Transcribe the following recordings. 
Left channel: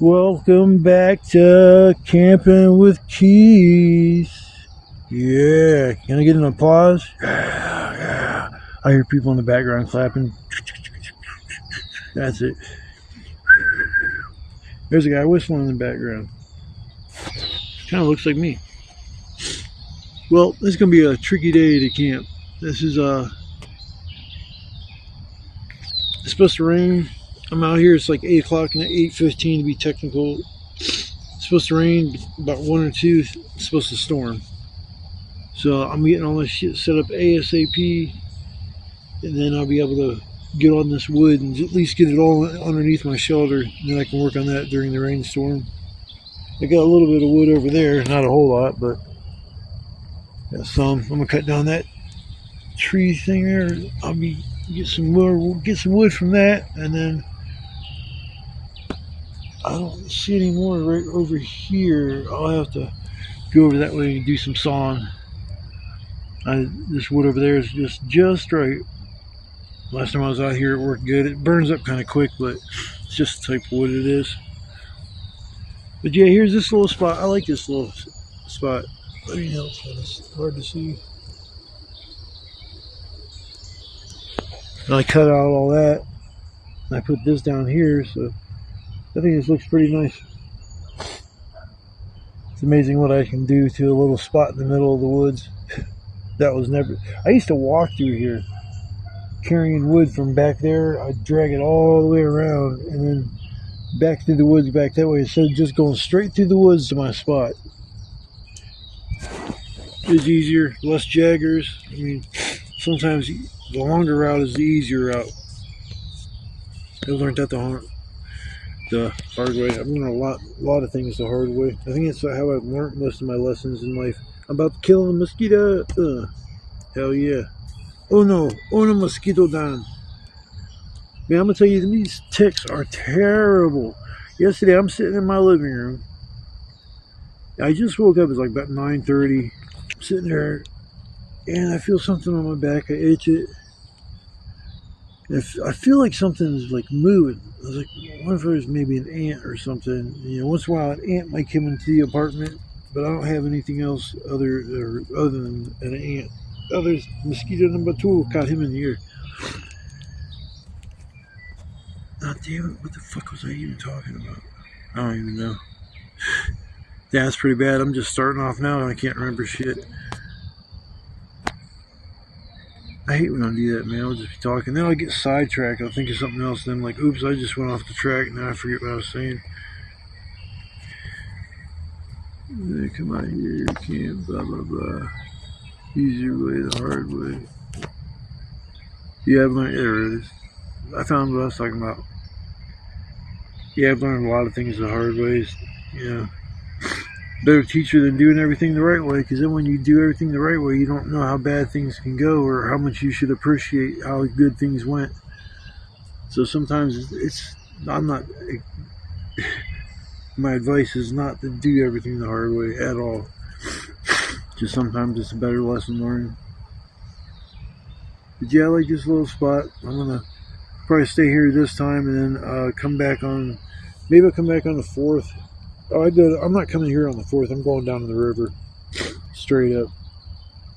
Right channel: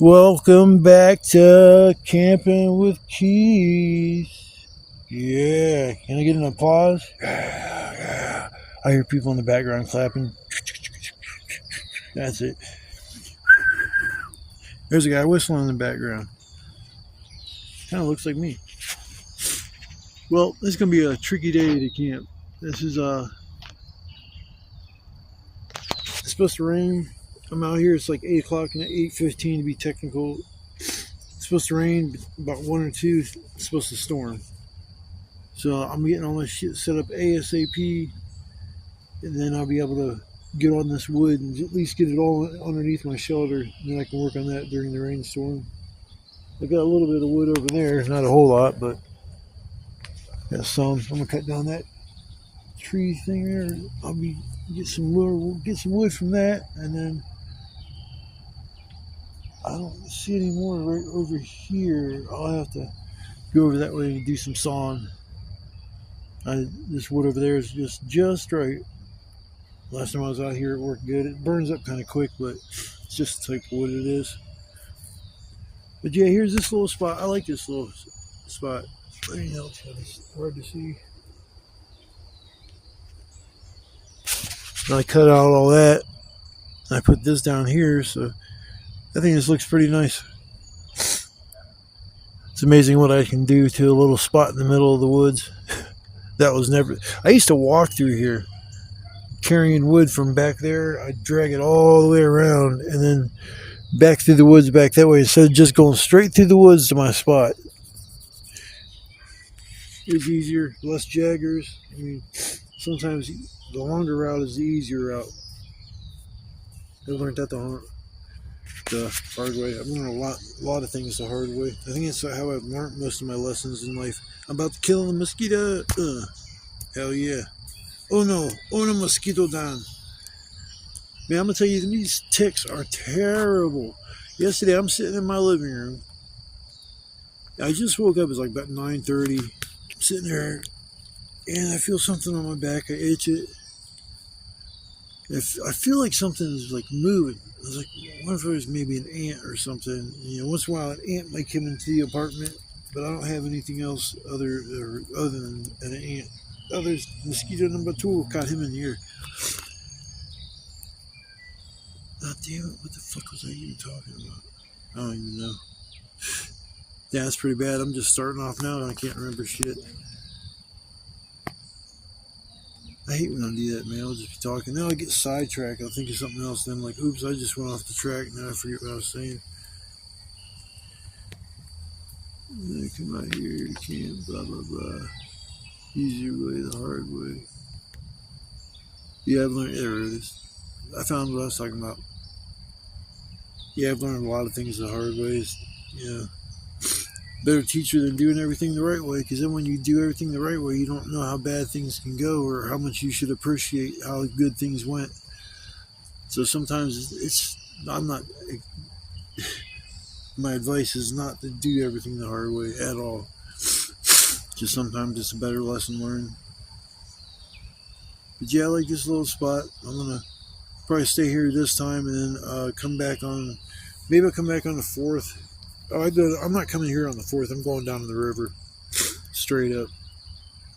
Welcome back to Camping with Keith. Yeah, can I get an applause? Yeah, yeah. I hear people in the background clapping. That's it. There's a guy whistling in the background. Kind of looks like me. Well, this is gonna be a tricky day to camp. This is it's supposed to rain. I'm out here. It's like 8 o'clock and 8:15 to be technical. It's supposed to rain about 1 or 2. It's supposed to storm. So I'm getting all this shit set up ASAP, and then I'll be able to get on this wood and at least get it all underneath my shelter. And then I can work on that during the rainstorm. I got a little bit of wood over there, not a whole lot, but got some. I'm gonna cut down that tree thing there. I'll be get some wood from that, and then I don't see any more right over here. I'll have to go over that way and do some sawing. This wood over there is just right. Last time I was out here, it worked good. It burns up kind of quick, but it's just the type of wood it is. But yeah, here's this little spot. I like this little spot. Let me know, it's hard to see. And I cut out all that, and I put this down here, so I think this looks pretty nice. It's amazing what I can do to a little spot in the middle of the woods. That was never... I used to walk through here carrying wood from back there. I'd drag it all the way around and then back through the woods back that way instead of just going straight through the woods to my spot. It's easier, less jaggers. I mean, sometimes the longer route is the easier route. I learned that the hard way. I've learned a lot of things the hard way. I think that's how I've learned most of my lessons in life. I'm about to kill a mosquito. Hell yeah. Oh no, mosquito down. Man, I'm gonna tell you, these ticks are terrible. Yesterday, I'm sitting in my living room. I just woke up. It's like about 9:30. I'm sitting there, and I feel something on my back. I itch it. I feel like something is like moving. I was like, what if it was maybe an ant or something? You know, once in a while, an ant might come into the apartment, but I don't have anything else other than an ant. Oh, there's mosquito number 2. Caught him in the ear. Oh, damn it. What the fuck was I even talking about? I don't even know. Yeah, that's pretty bad. I'm just starting off now and I can't remember shit. I hate when I do that, man. I'll just be talking. Then I'll get sidetracked. I'll think of something else. Then I'm like, oops, I just went off the track. Now I forget what I was saying. Come out here. Can't, blah, blah, blah. Easier way, the hard way. Yeah, I've learned. There it is. I found what I was talking about. Yeah, I've learned a lot of things the hard ways. Yeah. Better teacher than doing everything the right way, because then when you do everything the right way, you don't know how bad things can go or how much you should appreciate how good things went. So sometimes I'm not, my advice is not to do everything the hard way at all. Just sometimes it's a better lesson learned. But yeah, I like this little spot. I'm gonna probably stay here this time and then come back on. Maybe I'll come back on the 4th. Oh, I'm not coming here on the 4th. I'm going down to the river, straight up.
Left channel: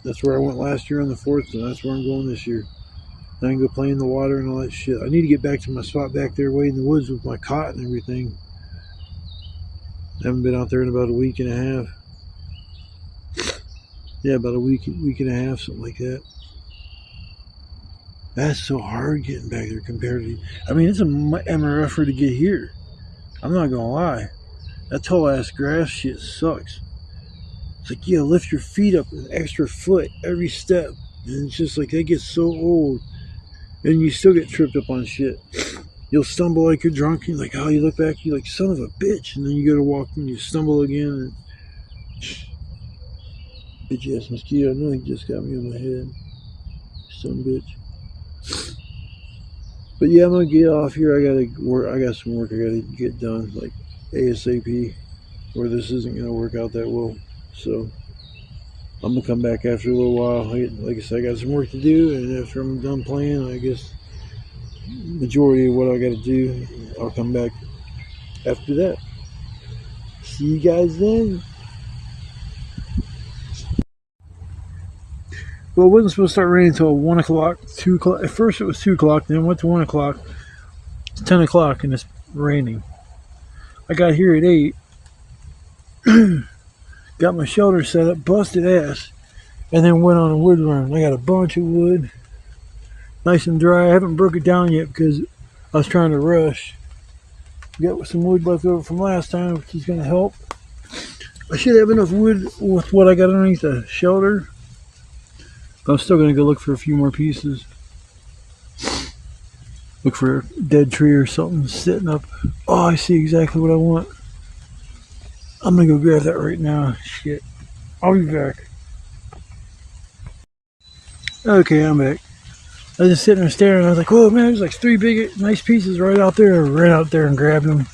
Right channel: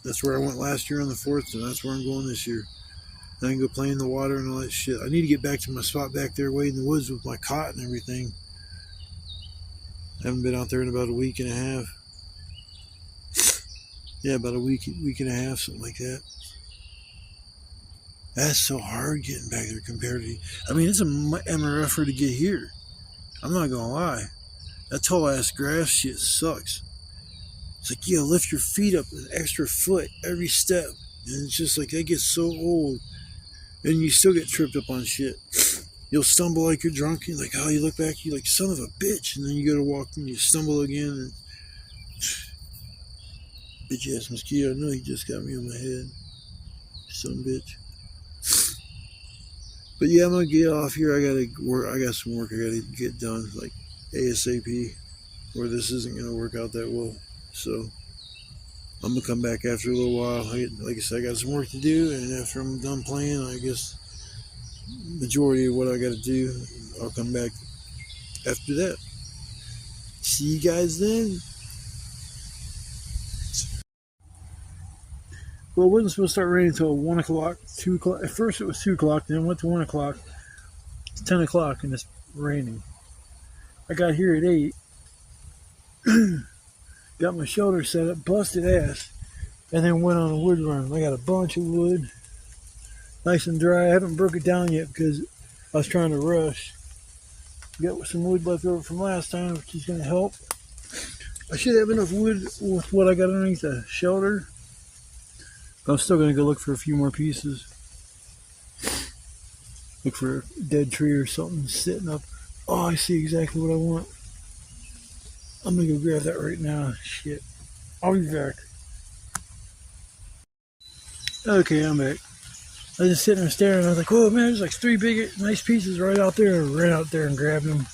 That's where I went last year on the 4th, and that's where I'm going this year. And I can go play in the water and all that shit. I need to get back to my spot back there, way in the woods with my cot and everything. I haven't been out there in about a week and a half. Yeah, about a week and a half, something like that. That's so hard getting back there compared to... I mean, it's a MRFer to get here. I'm not gonna lie. That tall ass grass shit sucks. It's like you gotta lift your feet up an extra foot every step. And it's just like they get so old. And you still get tripped up on shit. You'll stumble like you're drunk. And you're like, oh, you look back, you're like, son of a bitch. And then you go to walk and you stumble again. And bitch ass mosquito. I know he just got me on my head. Some bitch. But yeah, I'm gonna get off here. I gotta work. I got some work I gotta get done, like ASAP, or this isn't gonna work out that well. So I'm gonna come back after a little while. Like I said, I got some work to do, and after I'm done playing, I guess majority of what I gotta do, I'll come back after that. See you guys then. Well, it wasn't supposed to start raining until 1 o'clock, 2 o'clock. At first it was 2 o'clock, then it went to 1 o'clock. It's 10 o'clock and it's raining. I got here at 8. Got my shelter set up, busted ass, and then went on a wood run. I got a bunch of wood, nice and dry. I haven't broke it down yet because I was trying to rush. Got some wood left over from last time, which is going to help. I should have enough wood with what I got underneath the shelter. I'm still going to go look for a few more pieces. Look for a dead tree or something sitting up. Oh, I see exactly what I want. I'm going to go grab that right now. Shit. I'll be back. Okay, I'm back. I was just sitting there staring. I was like, oh man, there's like 3 big, nice pieces right out there. I ran out there and grabbed them.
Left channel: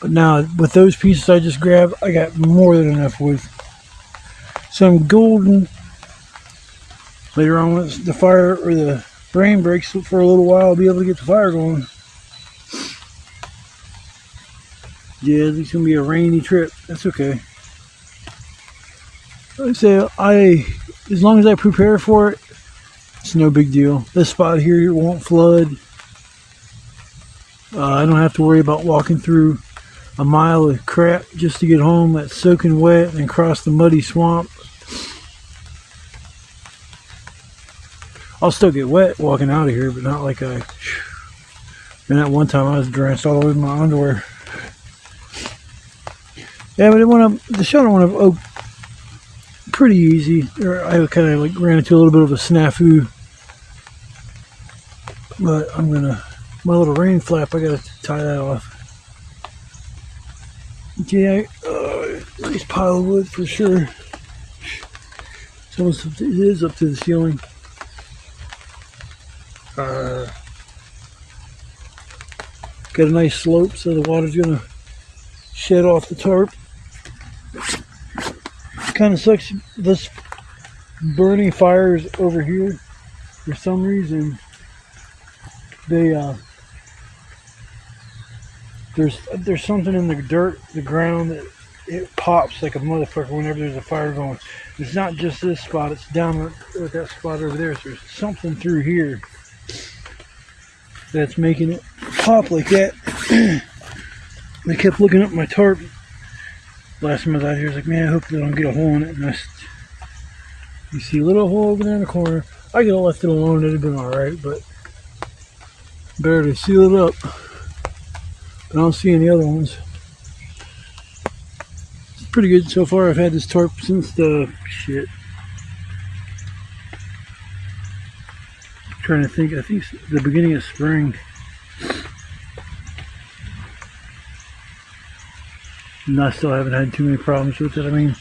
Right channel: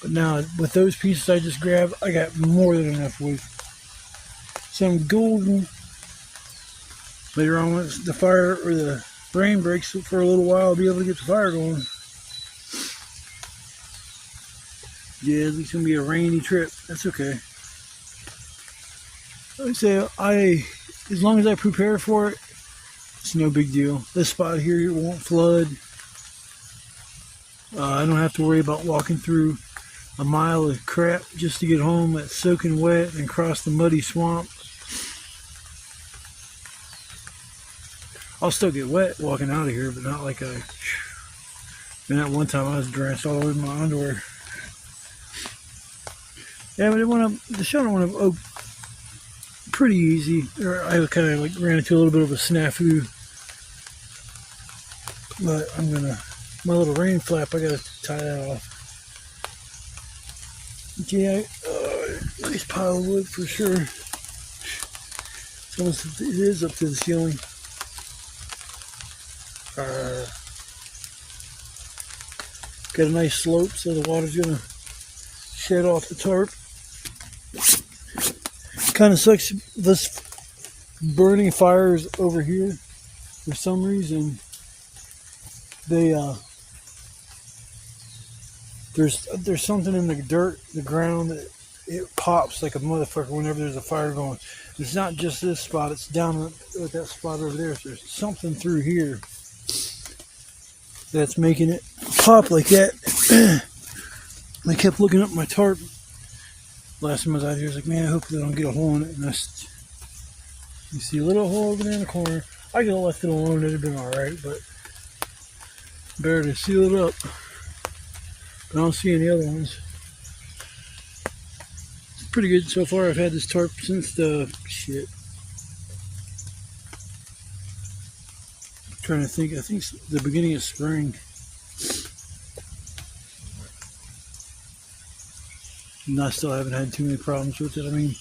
But now, with those pieces I just grabbed, I got more than enough wood. Some golden. Later on, once the fire or the rain breaks for a little while, I'll be able to get the fire going. Yeah, it's going to be a rainy trip. That's okay. Like I say, as long as I prepare for it, it's no big deal. This spot here won't flood. I don't have to worry about walking through a mile of crap just to get home that's soaking wet and cross the muddy swamp. I'll still get wet walking out of here, but not like and that one time I was drenched all the way in my underwear. Yeah, but the shelter went up pretty easy. I kind of like ran into a little bit of a snafu. But my little rain flap, I gotta tie that off. Yeah, nice pile of wood for sure. It is up to the ceiling. Got a nice slope so the water's gonna shed off the tarp. Kind of sucks. This burning fires over here for some reason. There's something in the dirt, the ground, that it pops like a motherfucker whenever there's a fire going. It's not just this spot, it's down with that spot over there. So there's something through here that's making it pop like that. I kept looking up my tarp last time I was out here. I was like, man, I hope they don't get a hole in it. And you see a little hole over there in the corner. I could have left it alone, it'd have been alright, but better to seal it up. But I don't see any other ones. It's pretty good so far. I've had this tarp since the I'm trying to think. I think it's the beginning of spring. And I still haven't had too many problems with it. I mean,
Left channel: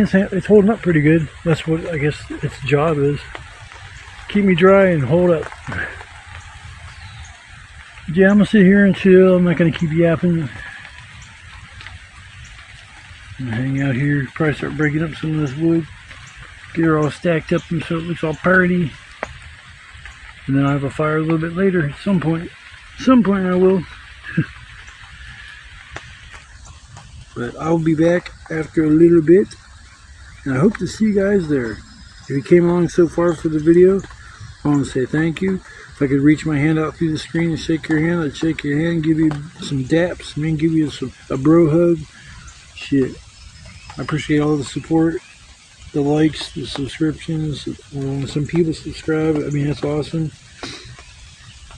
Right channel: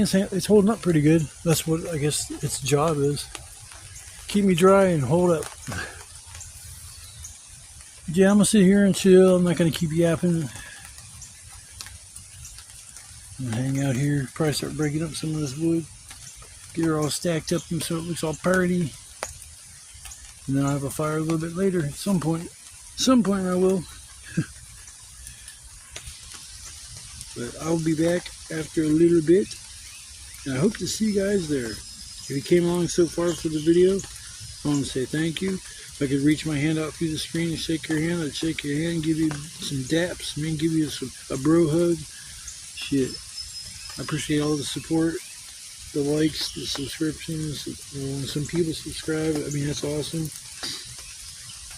it's holding up pretty good. That's what I guess its job is. Keep me dry and hold up. Yeah, I'm gonna sit here and chill. I'm not gonna keep yapping. I'm gonna hang out here. Probably start breaking up some of this wood. Get her all stacked up and so it looks all pretty. And then I'll have a fire a little bit later at some point. Some point I will. But I'll be back after a little bit. And I hope to see you guys there. If you came along so far for the video, I want to say thank you. If I could reach my hand out through the screen and shake your hand, I'd shake your hand, give you some daps, man, give you a bro hug. Shit. I appreciate all the support, the likes, the subscriptions. When some people subscribe, I mean, that's awesome.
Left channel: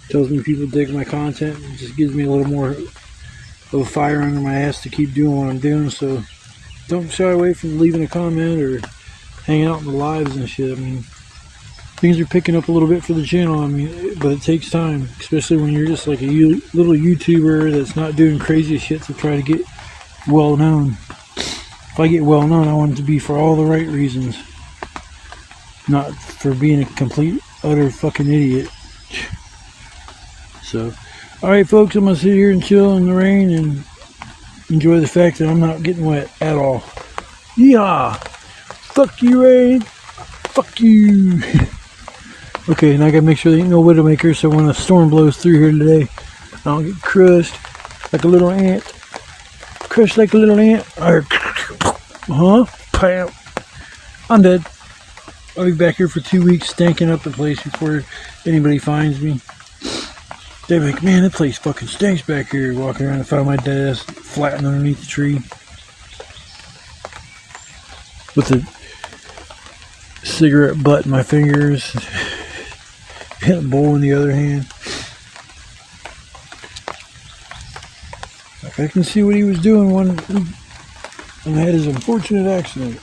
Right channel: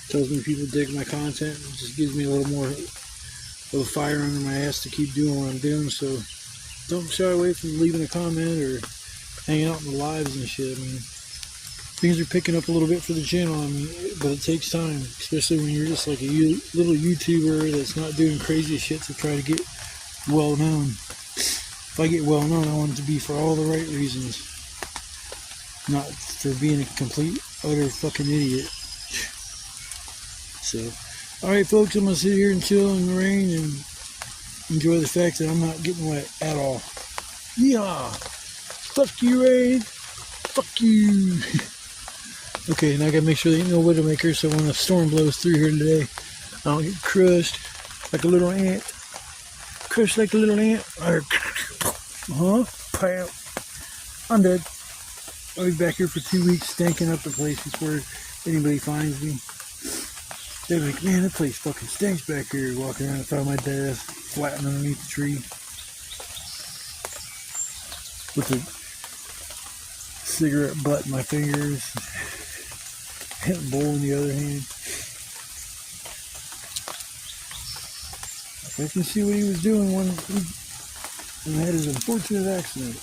Tells me people dig my content. It just gives me a little more of a fire under my ass to keep doing what I'm doing. So don't shy away from leaving a comment or hanging out in the lives and shit. I mean, things are picking up a little bit for the channel. I mean, but it takes time, especially when you're just like a little YouTuber that's not doing crazy shit to try to get well known. If I get well known, I want it to be for all the right reasons, not for being a complete, utter fucking idiot. So, alright folks, I'm gonna sit here and chill in the rain and enjoy the fact that I'm not getting wet at all. Yeah! Fuck you, rain! Fuck you! Okay, now I gotta make sure there ain't no Widowmaker, so when a storm blows through here today, I don't get crushed like a little ant. Crush like a little ant. Huh? Pow. I'm dead. I'll be back here for 2 weeks stinking up the place before anybody finds me. They're like, man, that place fucking stinks back here. Walking around and find my dead ass flattened underneath the tree. With a cigarette butt in my fingers. And a bowl in the other hand. I can see what he was doing when I had his unfortunate accident.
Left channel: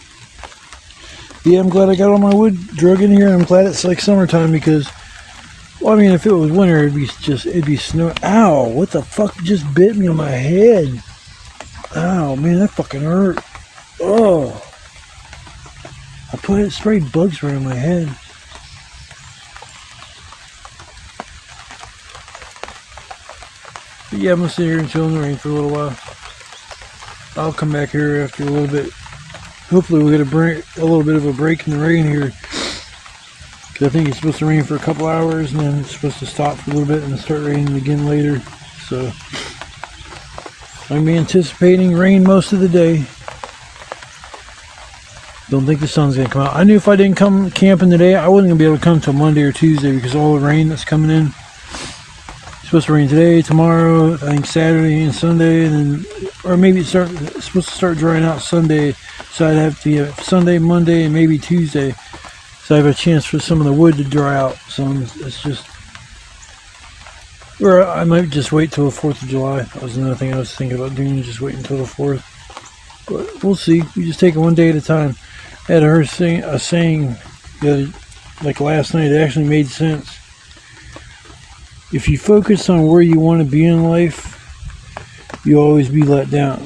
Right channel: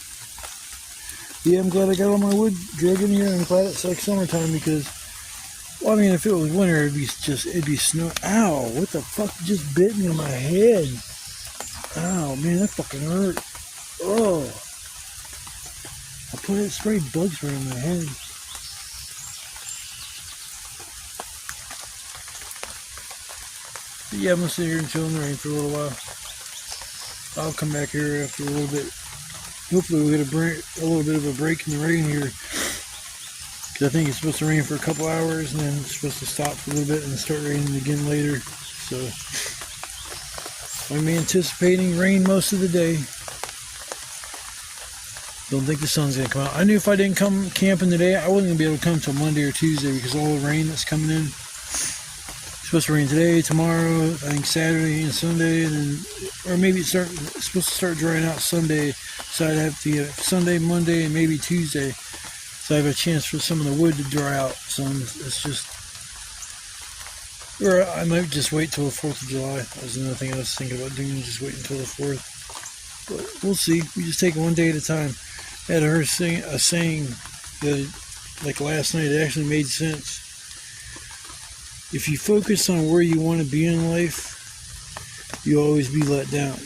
Yeah, I'm glad I got all my wood drug in here. I'm glad it's like summertime because, well, I mean, if it was winter, it'd be snow. Ow, what the fuck just bit me on my head? Ow, man, that fucking hurt. Oh. I sprayed bugs around my head. But yeah, I'm gonna sit here and chill in the rain for a little while. I'll come back here after a little bit. Hopefully we'll get a little bit of a break in the rain here. Because I think it's supposed to rain for a couple hours and then it's supposed to stop for a little bit and start raining again later. So I'm anticipating rain most of the day. Don't think the sun's gonna come out. I knew if I didn't come camping today, I wasn't gonna be able to come till Monday or Tuesday because of all the rain that's coming in. It's supposed to rain today, tomorrow, I think Saturday and Sunday, and then, or maybe it's supposed to start drying out Sunday. So I'd have to have Sunday, Monday, and maybe Tuesday. So I have a chance for some of the wood to dry out. So it's just, or I might just wait till the 4th of July. That was another thing I was thinking about doing, just wait until the 4th. But we'll see. We just take it one day at a time. I had heard a saying that, like last night, it actually made sense. If you focus on where you want to be in life, you'll always be let down.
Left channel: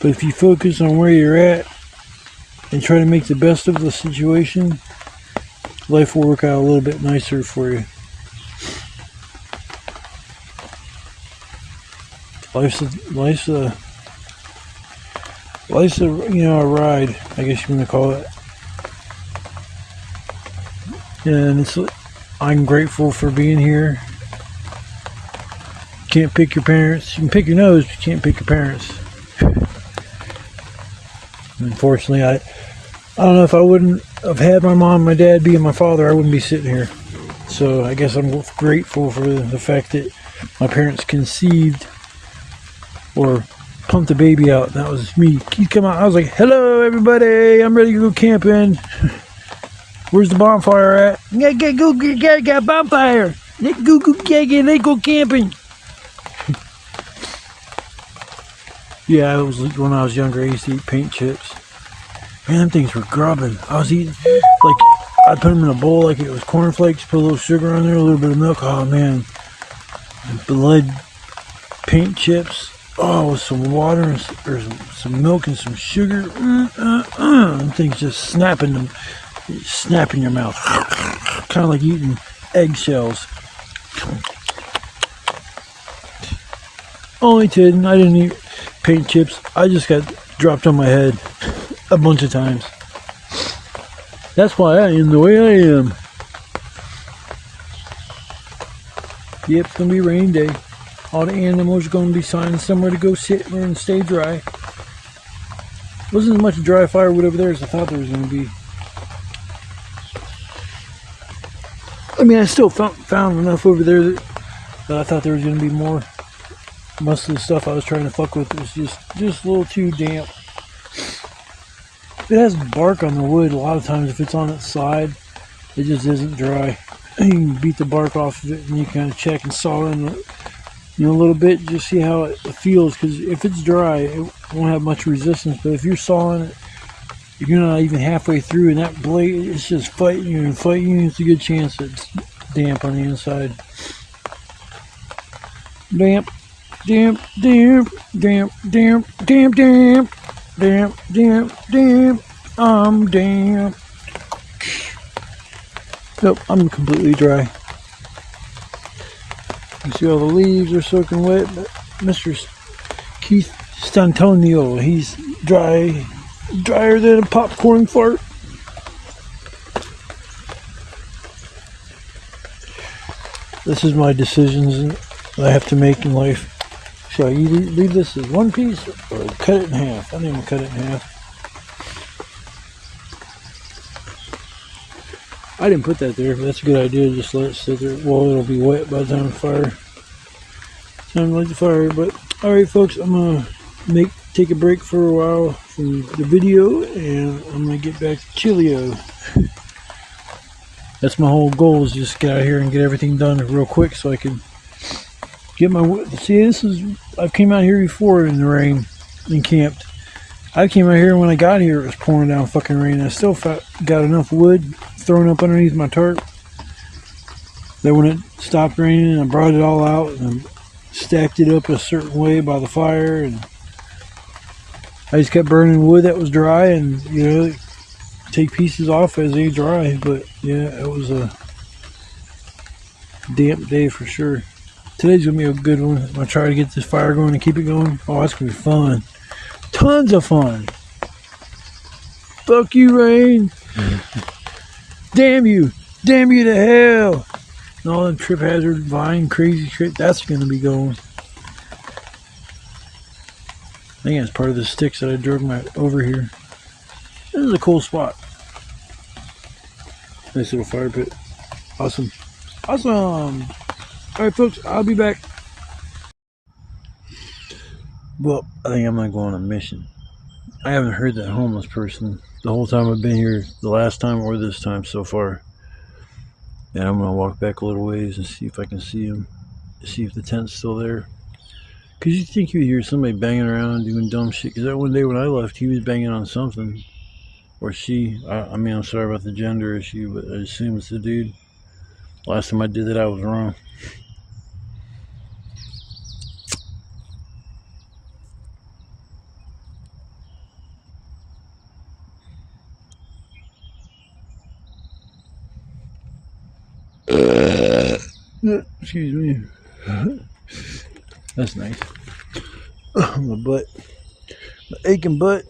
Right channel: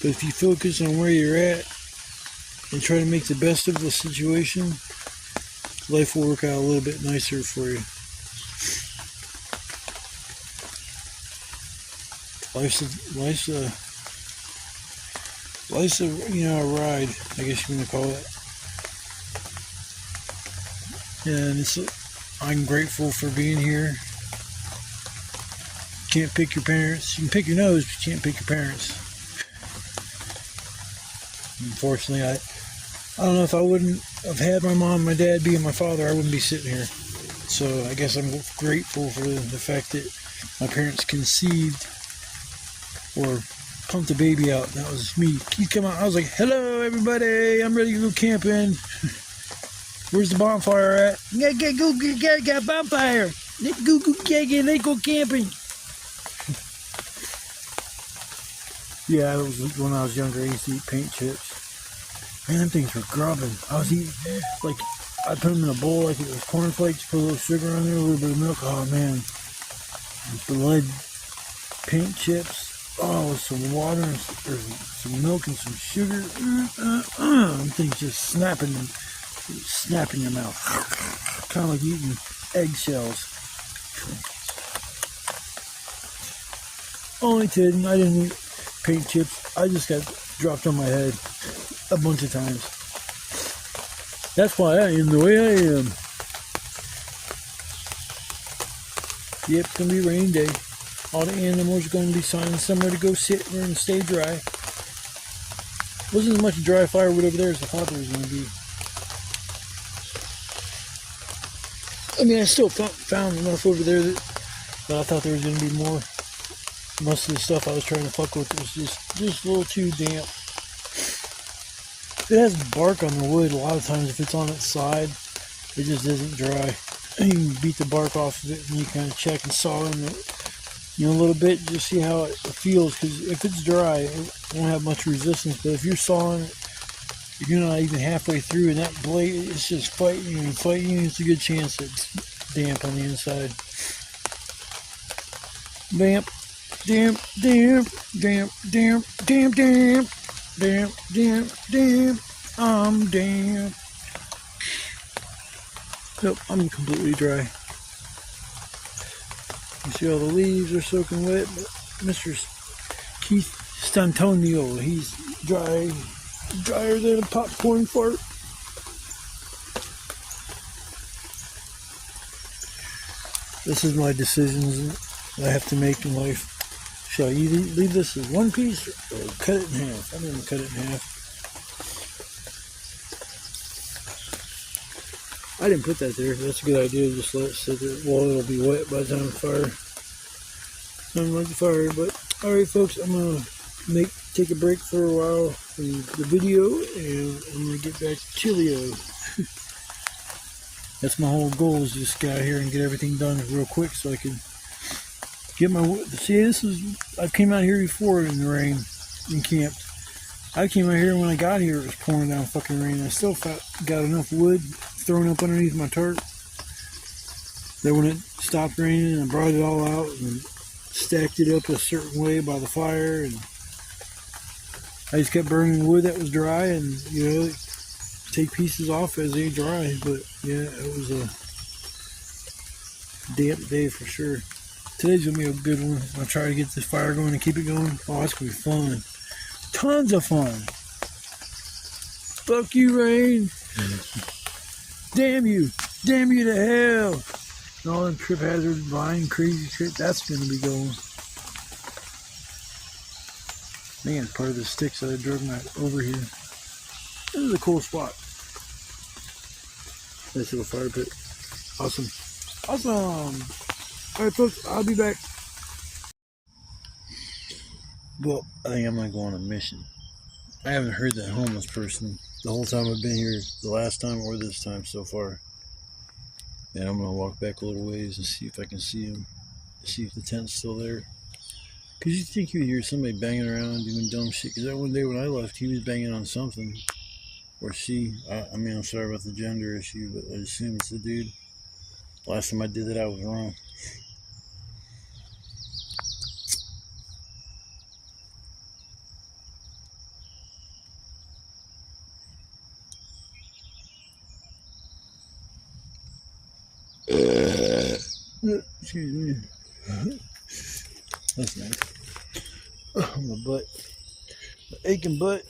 But if you focus on where you're at and try to make the best of the situation, life will work out a little bit nicer for you. Life's a a ride, I guess you want to call it. And I'm grateful for being here. You can't pick your parents. You can pick your nose, but you can't pick your parents. Unfortunately, I don't know if I wouldn't have had my mom and my dad being my father, I wouldn't be sitting here. So I guess I'm grateful for the fact that my parents conceived or pumped the baby out. That was me. He'd come out. I was like, hello, everybody. I'm ready to go camping. Where's the bonfire at? Got a bonfire. Let's go camping. Yeah, when I was younger, I used to eat paint chips. Man, them things were grubbing. I was eating, like, I put them in a bowl like it was cornflakes, put a little sugar on there, a little bit of milk. Oh, man. The lead paint chips. Oh, with some water and or some milk and some sugar. Them things just snap in your mouth. Kind of like eating eggshells. Only kidding. I didn't eat paint chips. I just got dropped on my head a bunch of times. That's why I am the way I am. Yep, it's gonna be rain day. All the animals are gonna be finding somewhere to go sit and stay dry. Wasn't as much dry firewood over there as I thought there was gonna be. I mean, I still found enough over there that I thought there was gonna be more. Most of the stuff I was trying to fuck with was just a little too damp. If it has bark on the wood, a lot of times if it's on its side, it just isn't dry. You can beat the bark off of it and you kind of check and saw in it, a little bit, just see how it feels. Because if it's dry, it won't have much resistance. But if you're sawing it, if you're not even halfway through and that blade is just fighting you and fighting you, it's a good chance that it's damp on the inside. Damp. Damp, damp, damp, damp, damp, damp, damp, damp, damp, I'm damp. Nope, I'm completely dry. You see all the leaves are soaking wet, but Mr. Keith Stantonio, he's drier than a popcorn fart. This is my decisions that I have to make in life. Should I leave this as one piece or cut it in half? I think I'm gonna cut it in half. I didn't put that there. That's a good idea. Just let it sit there. Well, it'll be wet by the time fire. Time to light the fire. But all right, folks, I'm gonna take a break for a while from the video, and I'm gonna get back to Chilio. That's my whole goal, is just get out here and get everything done real quick so I can get my... See, I've came out here before in the rain and camped. I came out here when I got here, it was pouring down fucking rain. I still got enough wood thrown up underneath my tarp that when it stopped raining, I brought it all out and stacked it up a certain way by the fire, and I just kept burning wood that was dry, and you know, take pieces off as they dry. But yeah, it was a damp day for sure. Today's gonna be a good one. I'm gonna try to get this fire going and keep it going. Oh, it's gonna be fun. Tons of fun. Fuck you, rain. Damn you. Damn you to hell. And all that trip hazard vine crazy shit, that's gonna be going. I think that's part of the sticks that I drug over here. This is a cool spot. Nice little fire pit. Awesome. Awesome. Alright folks, I'll be back. Well, I think I'm gonna go on a mission. I haven't heard that homeless person the whole time I've been here, the last time or this time so far. And I'm gonna walk back a little ways and see if I can see him. See if the tent's still there. Cause you think you hear somebody banging around doing dumb shit. Cause that one day when I left, he was banging on something. Or she. I mean, I'm sorry about the gender issue, but I assume it's a dude. Last time I did that, I was wrong. Excuse me. That's nice. My butt. My aching butt.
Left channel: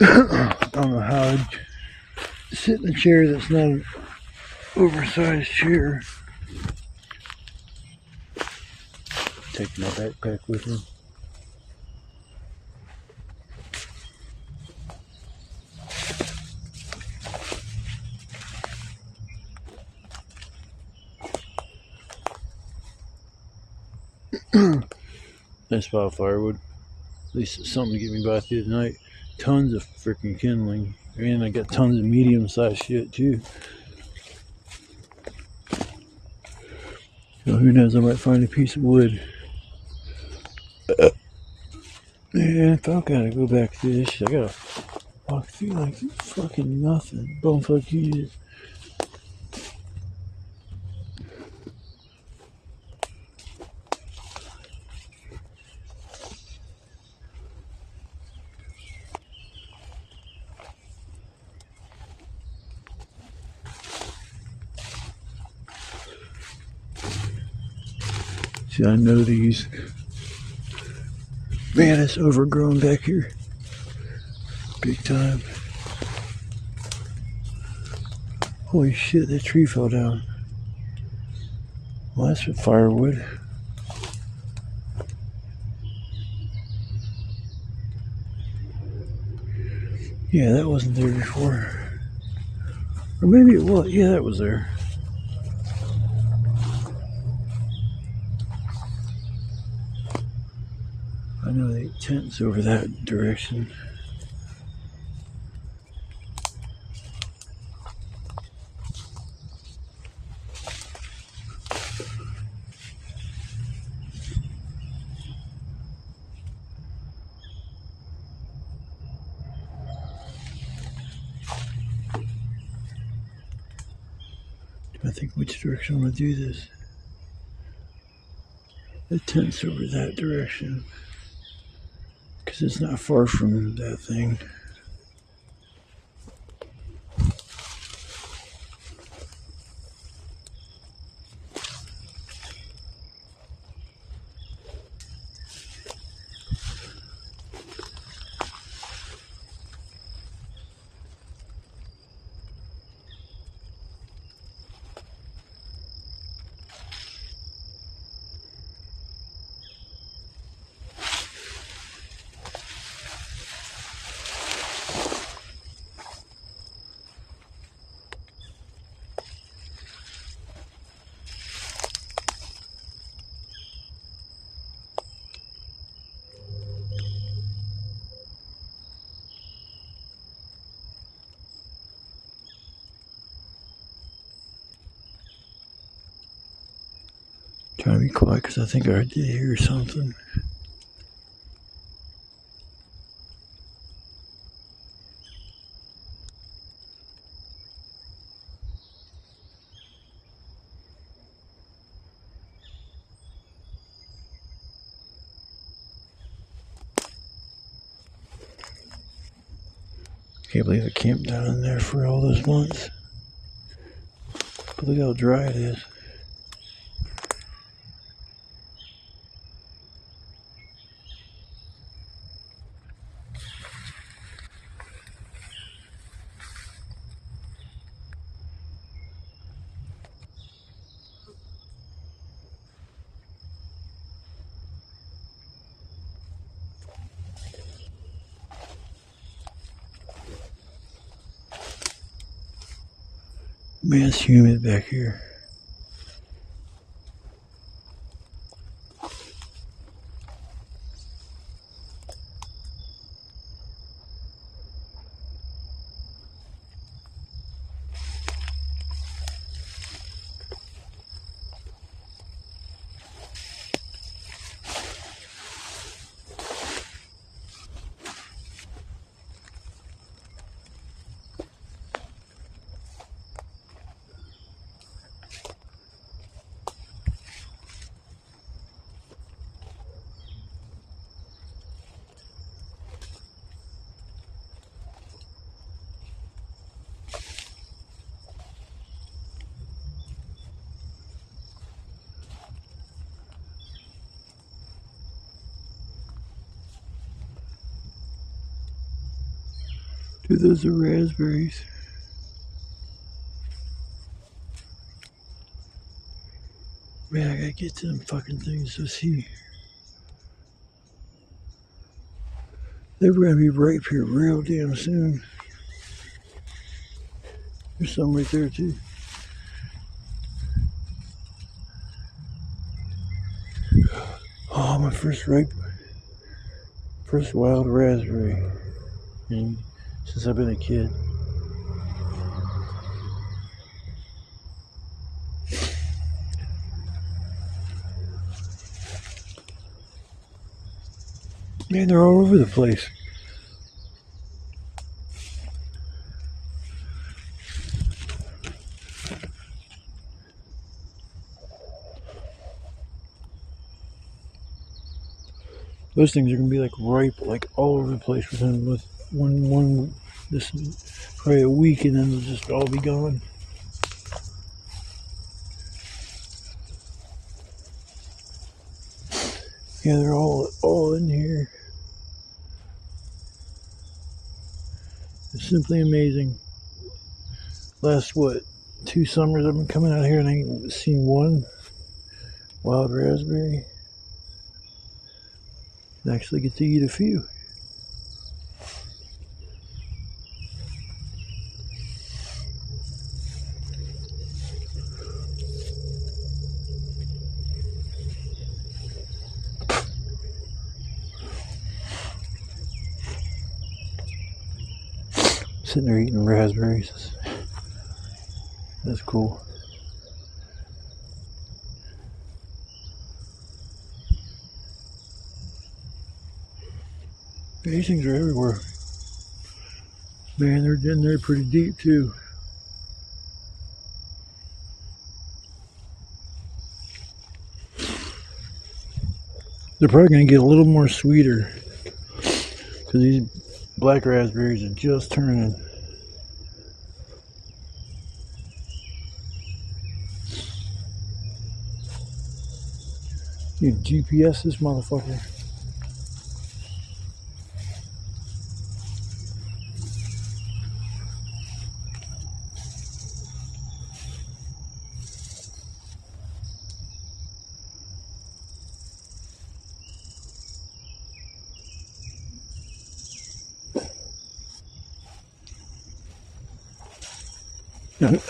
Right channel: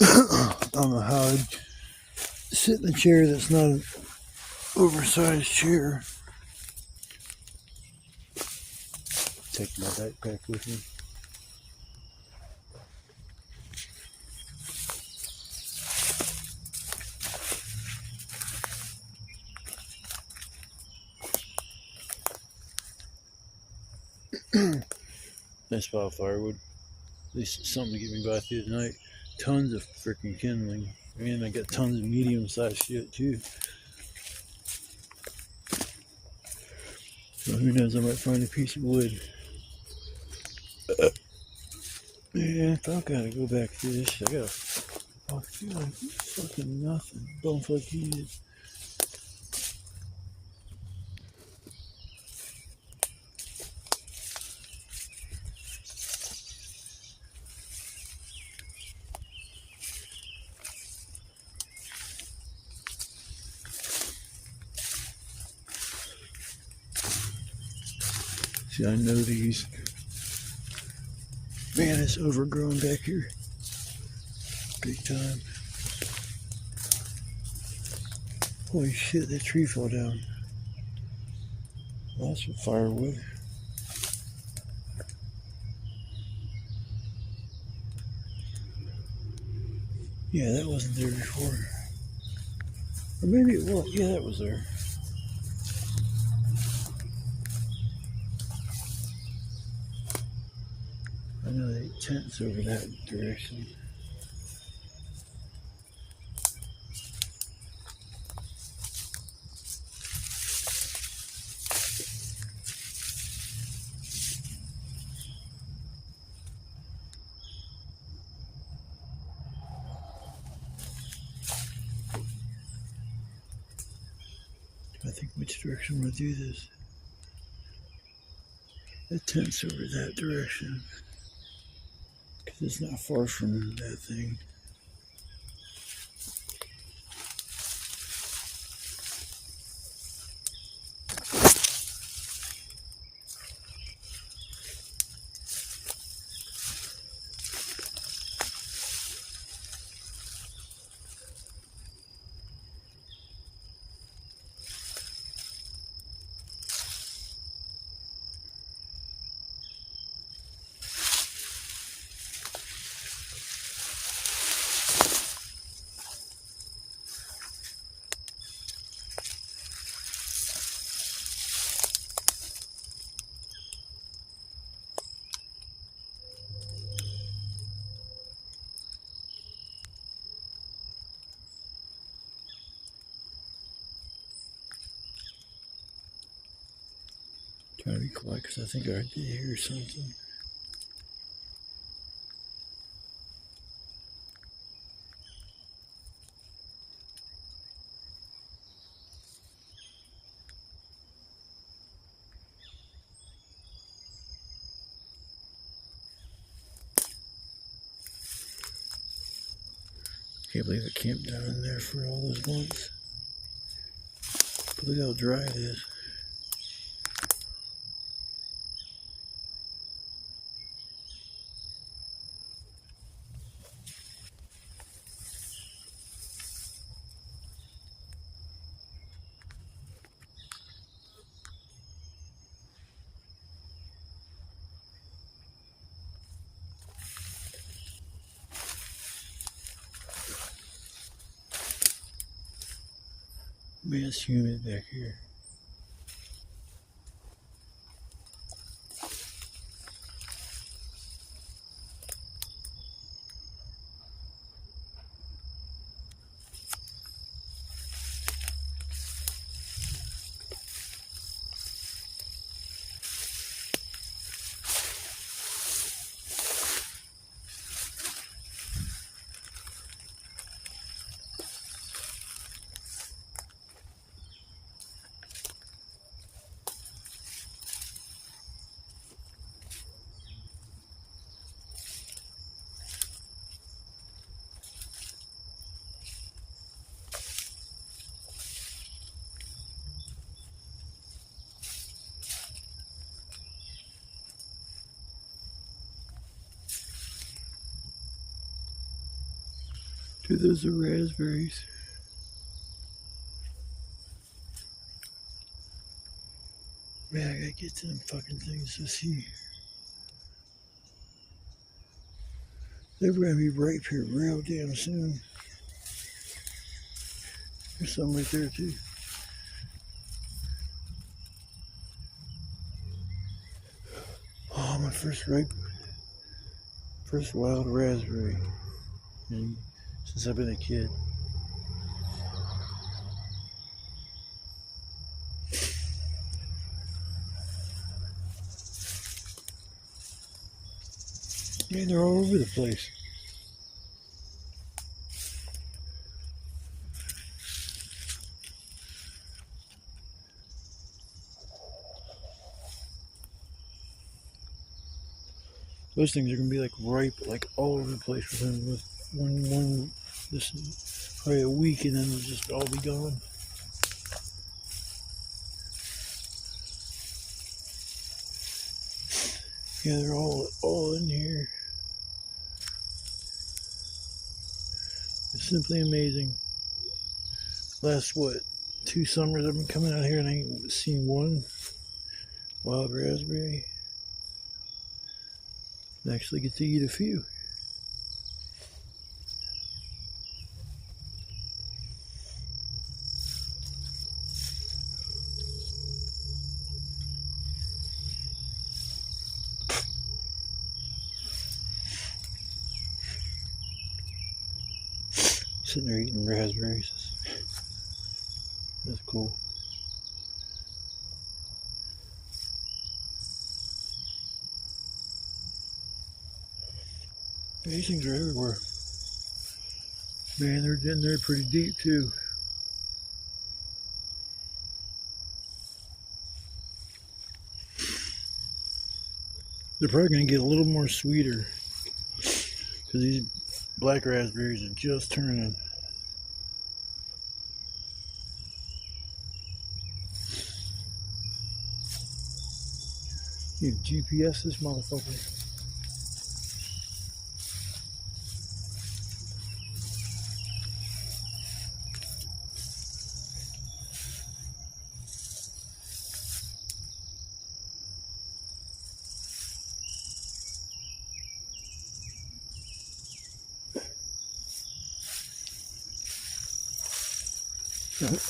I don't know how I'd sit in a chair that's not an oversized chair. Take my backpack with me. Nice spot of firewood. At least it's something to get me by through the night. Tons of freaking kindling. And I got tons of medium-sized shit too. So who knows, I might find a piece of wood. Man, if I gotta go back through this shit, I gotta walk through like fucking nothing. Bumfuck you. See, I know these. Man, it's overgrown back here. Big time. Holy shit, that tree fell down. Well, that's for firewood. Yeah, that wasn't there before. Or maybe it was. Yeah, that was there. I know the tent's over that direction. I think which direction I'm going to do this. The tent's over that direction. Because it's not far from that thing. Trying to be quiet because I think I did hear something. Can't believe I camped down in there for all those months. But look how dry it is. Man, it's humid back here. Dude, those are raspberries. Man, I gotta get to them fucking things to see. They're gonna be ripe here real damn soon. There's some right there too. Oh, my first wild raspberry. And since I've been a kid. Man, they're all over the place. Those things are gonna be like ripe, like all over the place within this probably a week, and then they'll just all be gone. Yeah, they're all in here. It's simply amazing. Last 2 summers I've been coming out here and I ain't seen one wild raspberry. I actually get to eat a few. Sitting there eating raspberries. That's cool. These things are everywhere. Man, they're in there pretty deep too. They're probably going to get a little more sweeter because these black raspberries are just turning. You GPS this motherfucker.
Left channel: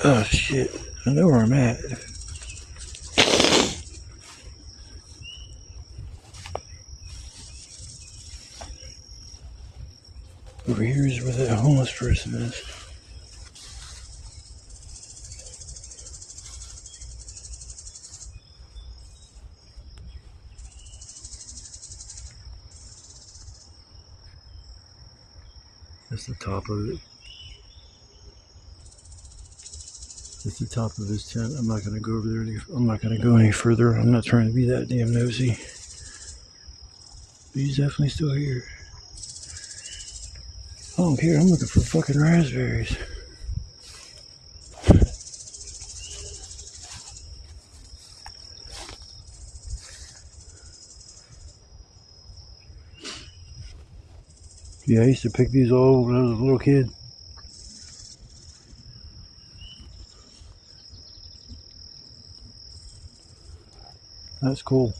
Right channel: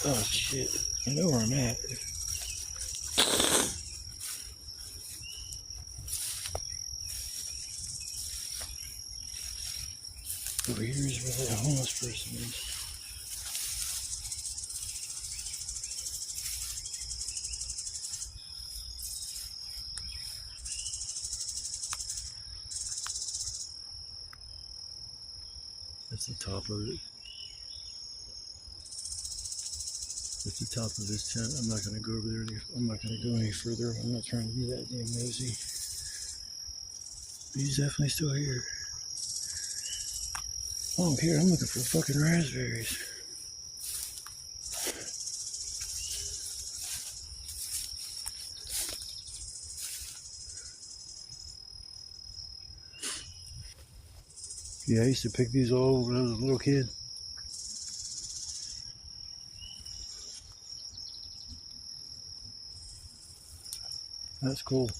Oh shit, I know where I'm at. Over here is where that homeless person is. That's the top of it. That's the top of his tent. I'm not going to go over there. I'm not going to go any further. I'm not trying to be that damn nosy. But he's definitely still here. I don't care. I'm looking for fucking raspberries. Yeah, I used to pick these all when I was a little kid. That's cool.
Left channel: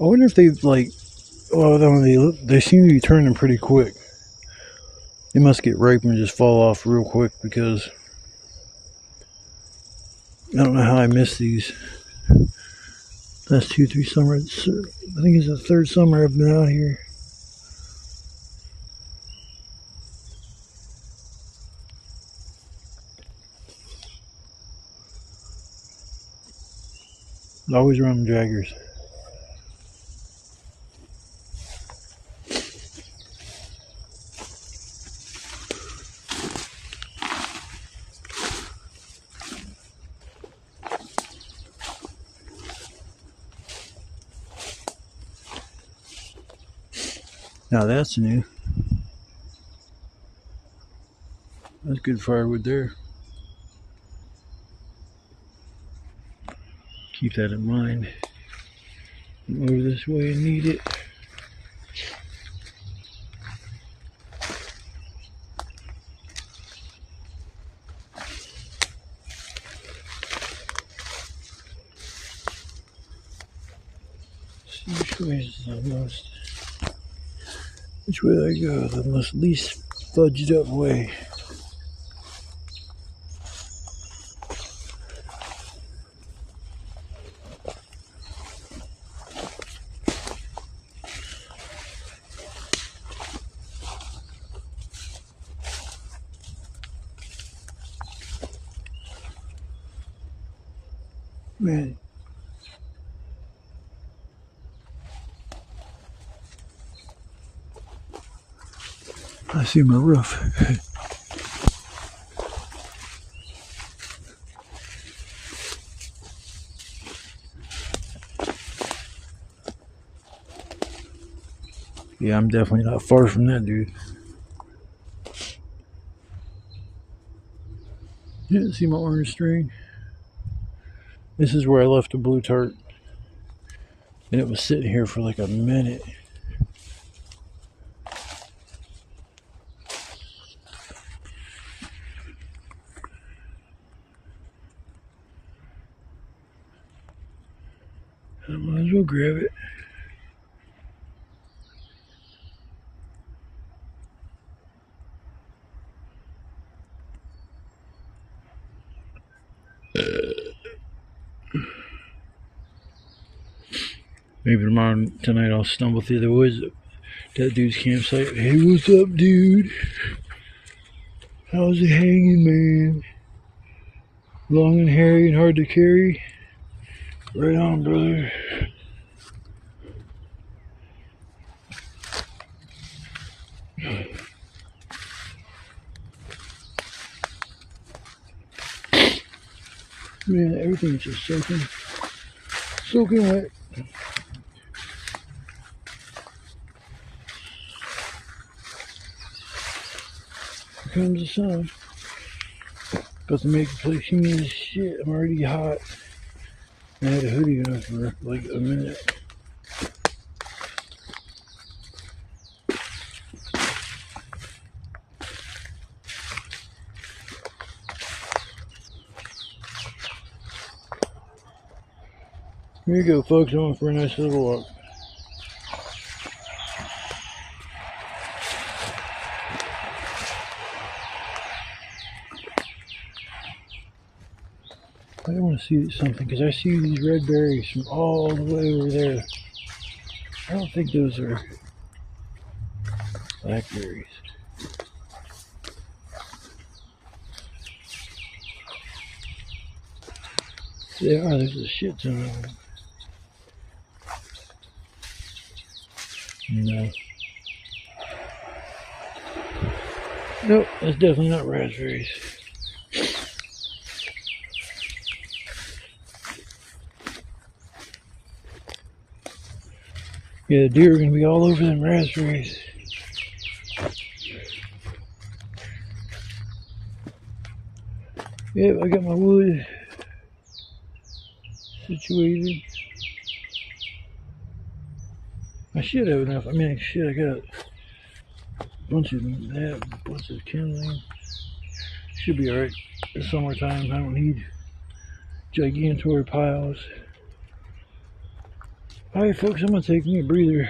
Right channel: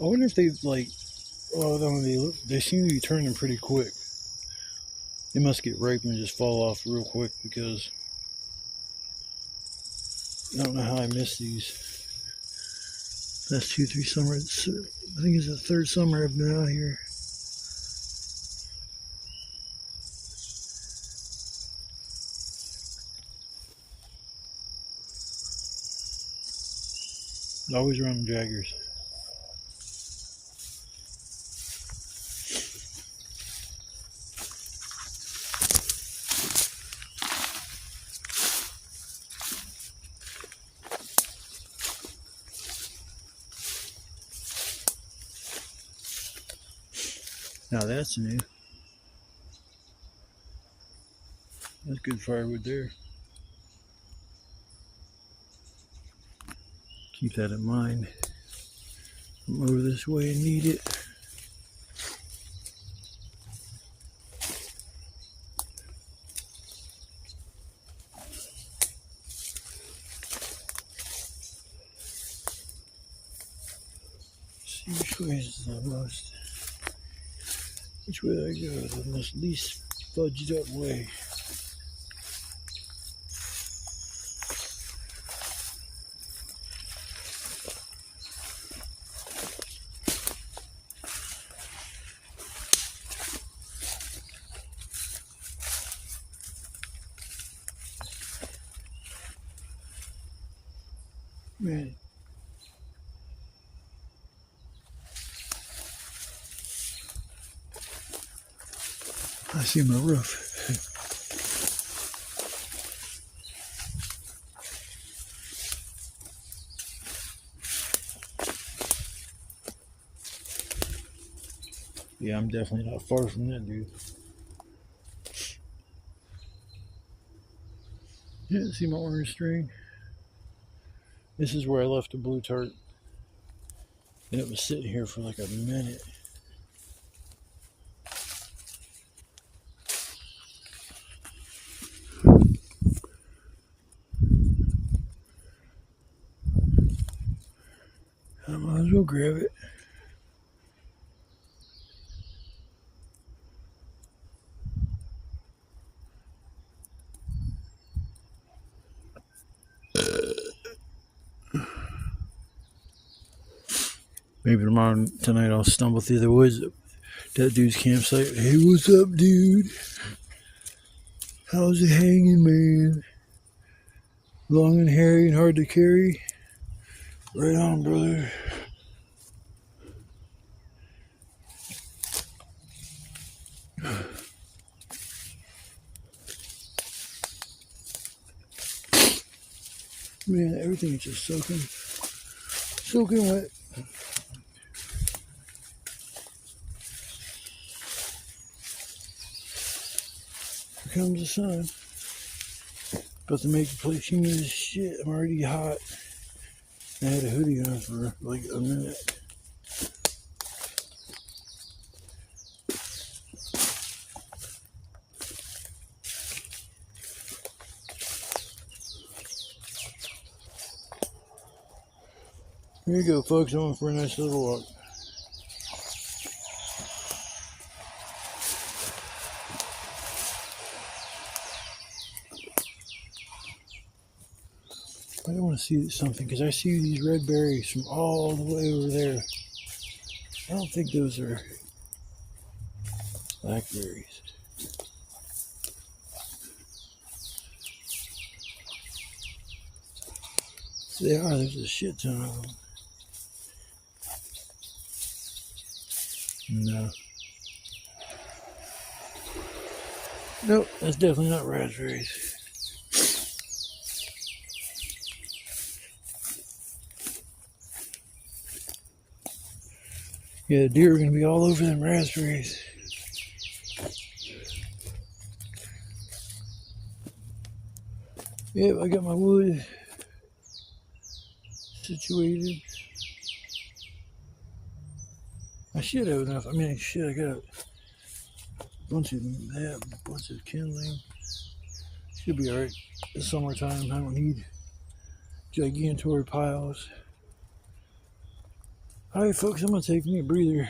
I wonder if they like. Oh, they seem to be turning pretty quick. They must get ripe and just fall off real quick because I don't know how I missed these. Last 2-3 summers. I think it's the third summer I've been out here. Always around the jaggers. Now that's new. That's good firewood there. Keep that in mind. I'm over this way and need it. See which way is the most. Which way I go? The most least fudged up way. Man. I see my roof. Yeah, I'm definitely not far from that dude. You didn't see my orange string? This is where I left the blue tart. And it was sitting here for like a minute. I might as well grab it. Maybe tonight I'll stumble through the woods. That dude's campsite. Hey, what's up, dude? How's it hanging, man? Long and hairy and hard to carry? Right on, brother. Man, everything's just soaking wet. Here comes the sun. About to make the place humid as shit. I'm already hot. I had a hoodie on for like a minute. Here you go, folks. I'm going for a nice little walk. I want to see something because I see these red berries from all the way over there. I don't think those are blackberries. They are. There's a shit ton of them. No. Nope, that's definitely not raspberries. Yeah, the deer are gonna be all over them raspberries. Yep, I got my wood situated. I should have enough. I mean, shit, I got a bunch of that, a bunch of kindling. Should be alright. It's summertime. I don't need gigantor piles. Alright, folks, I'm gonna take me a breather.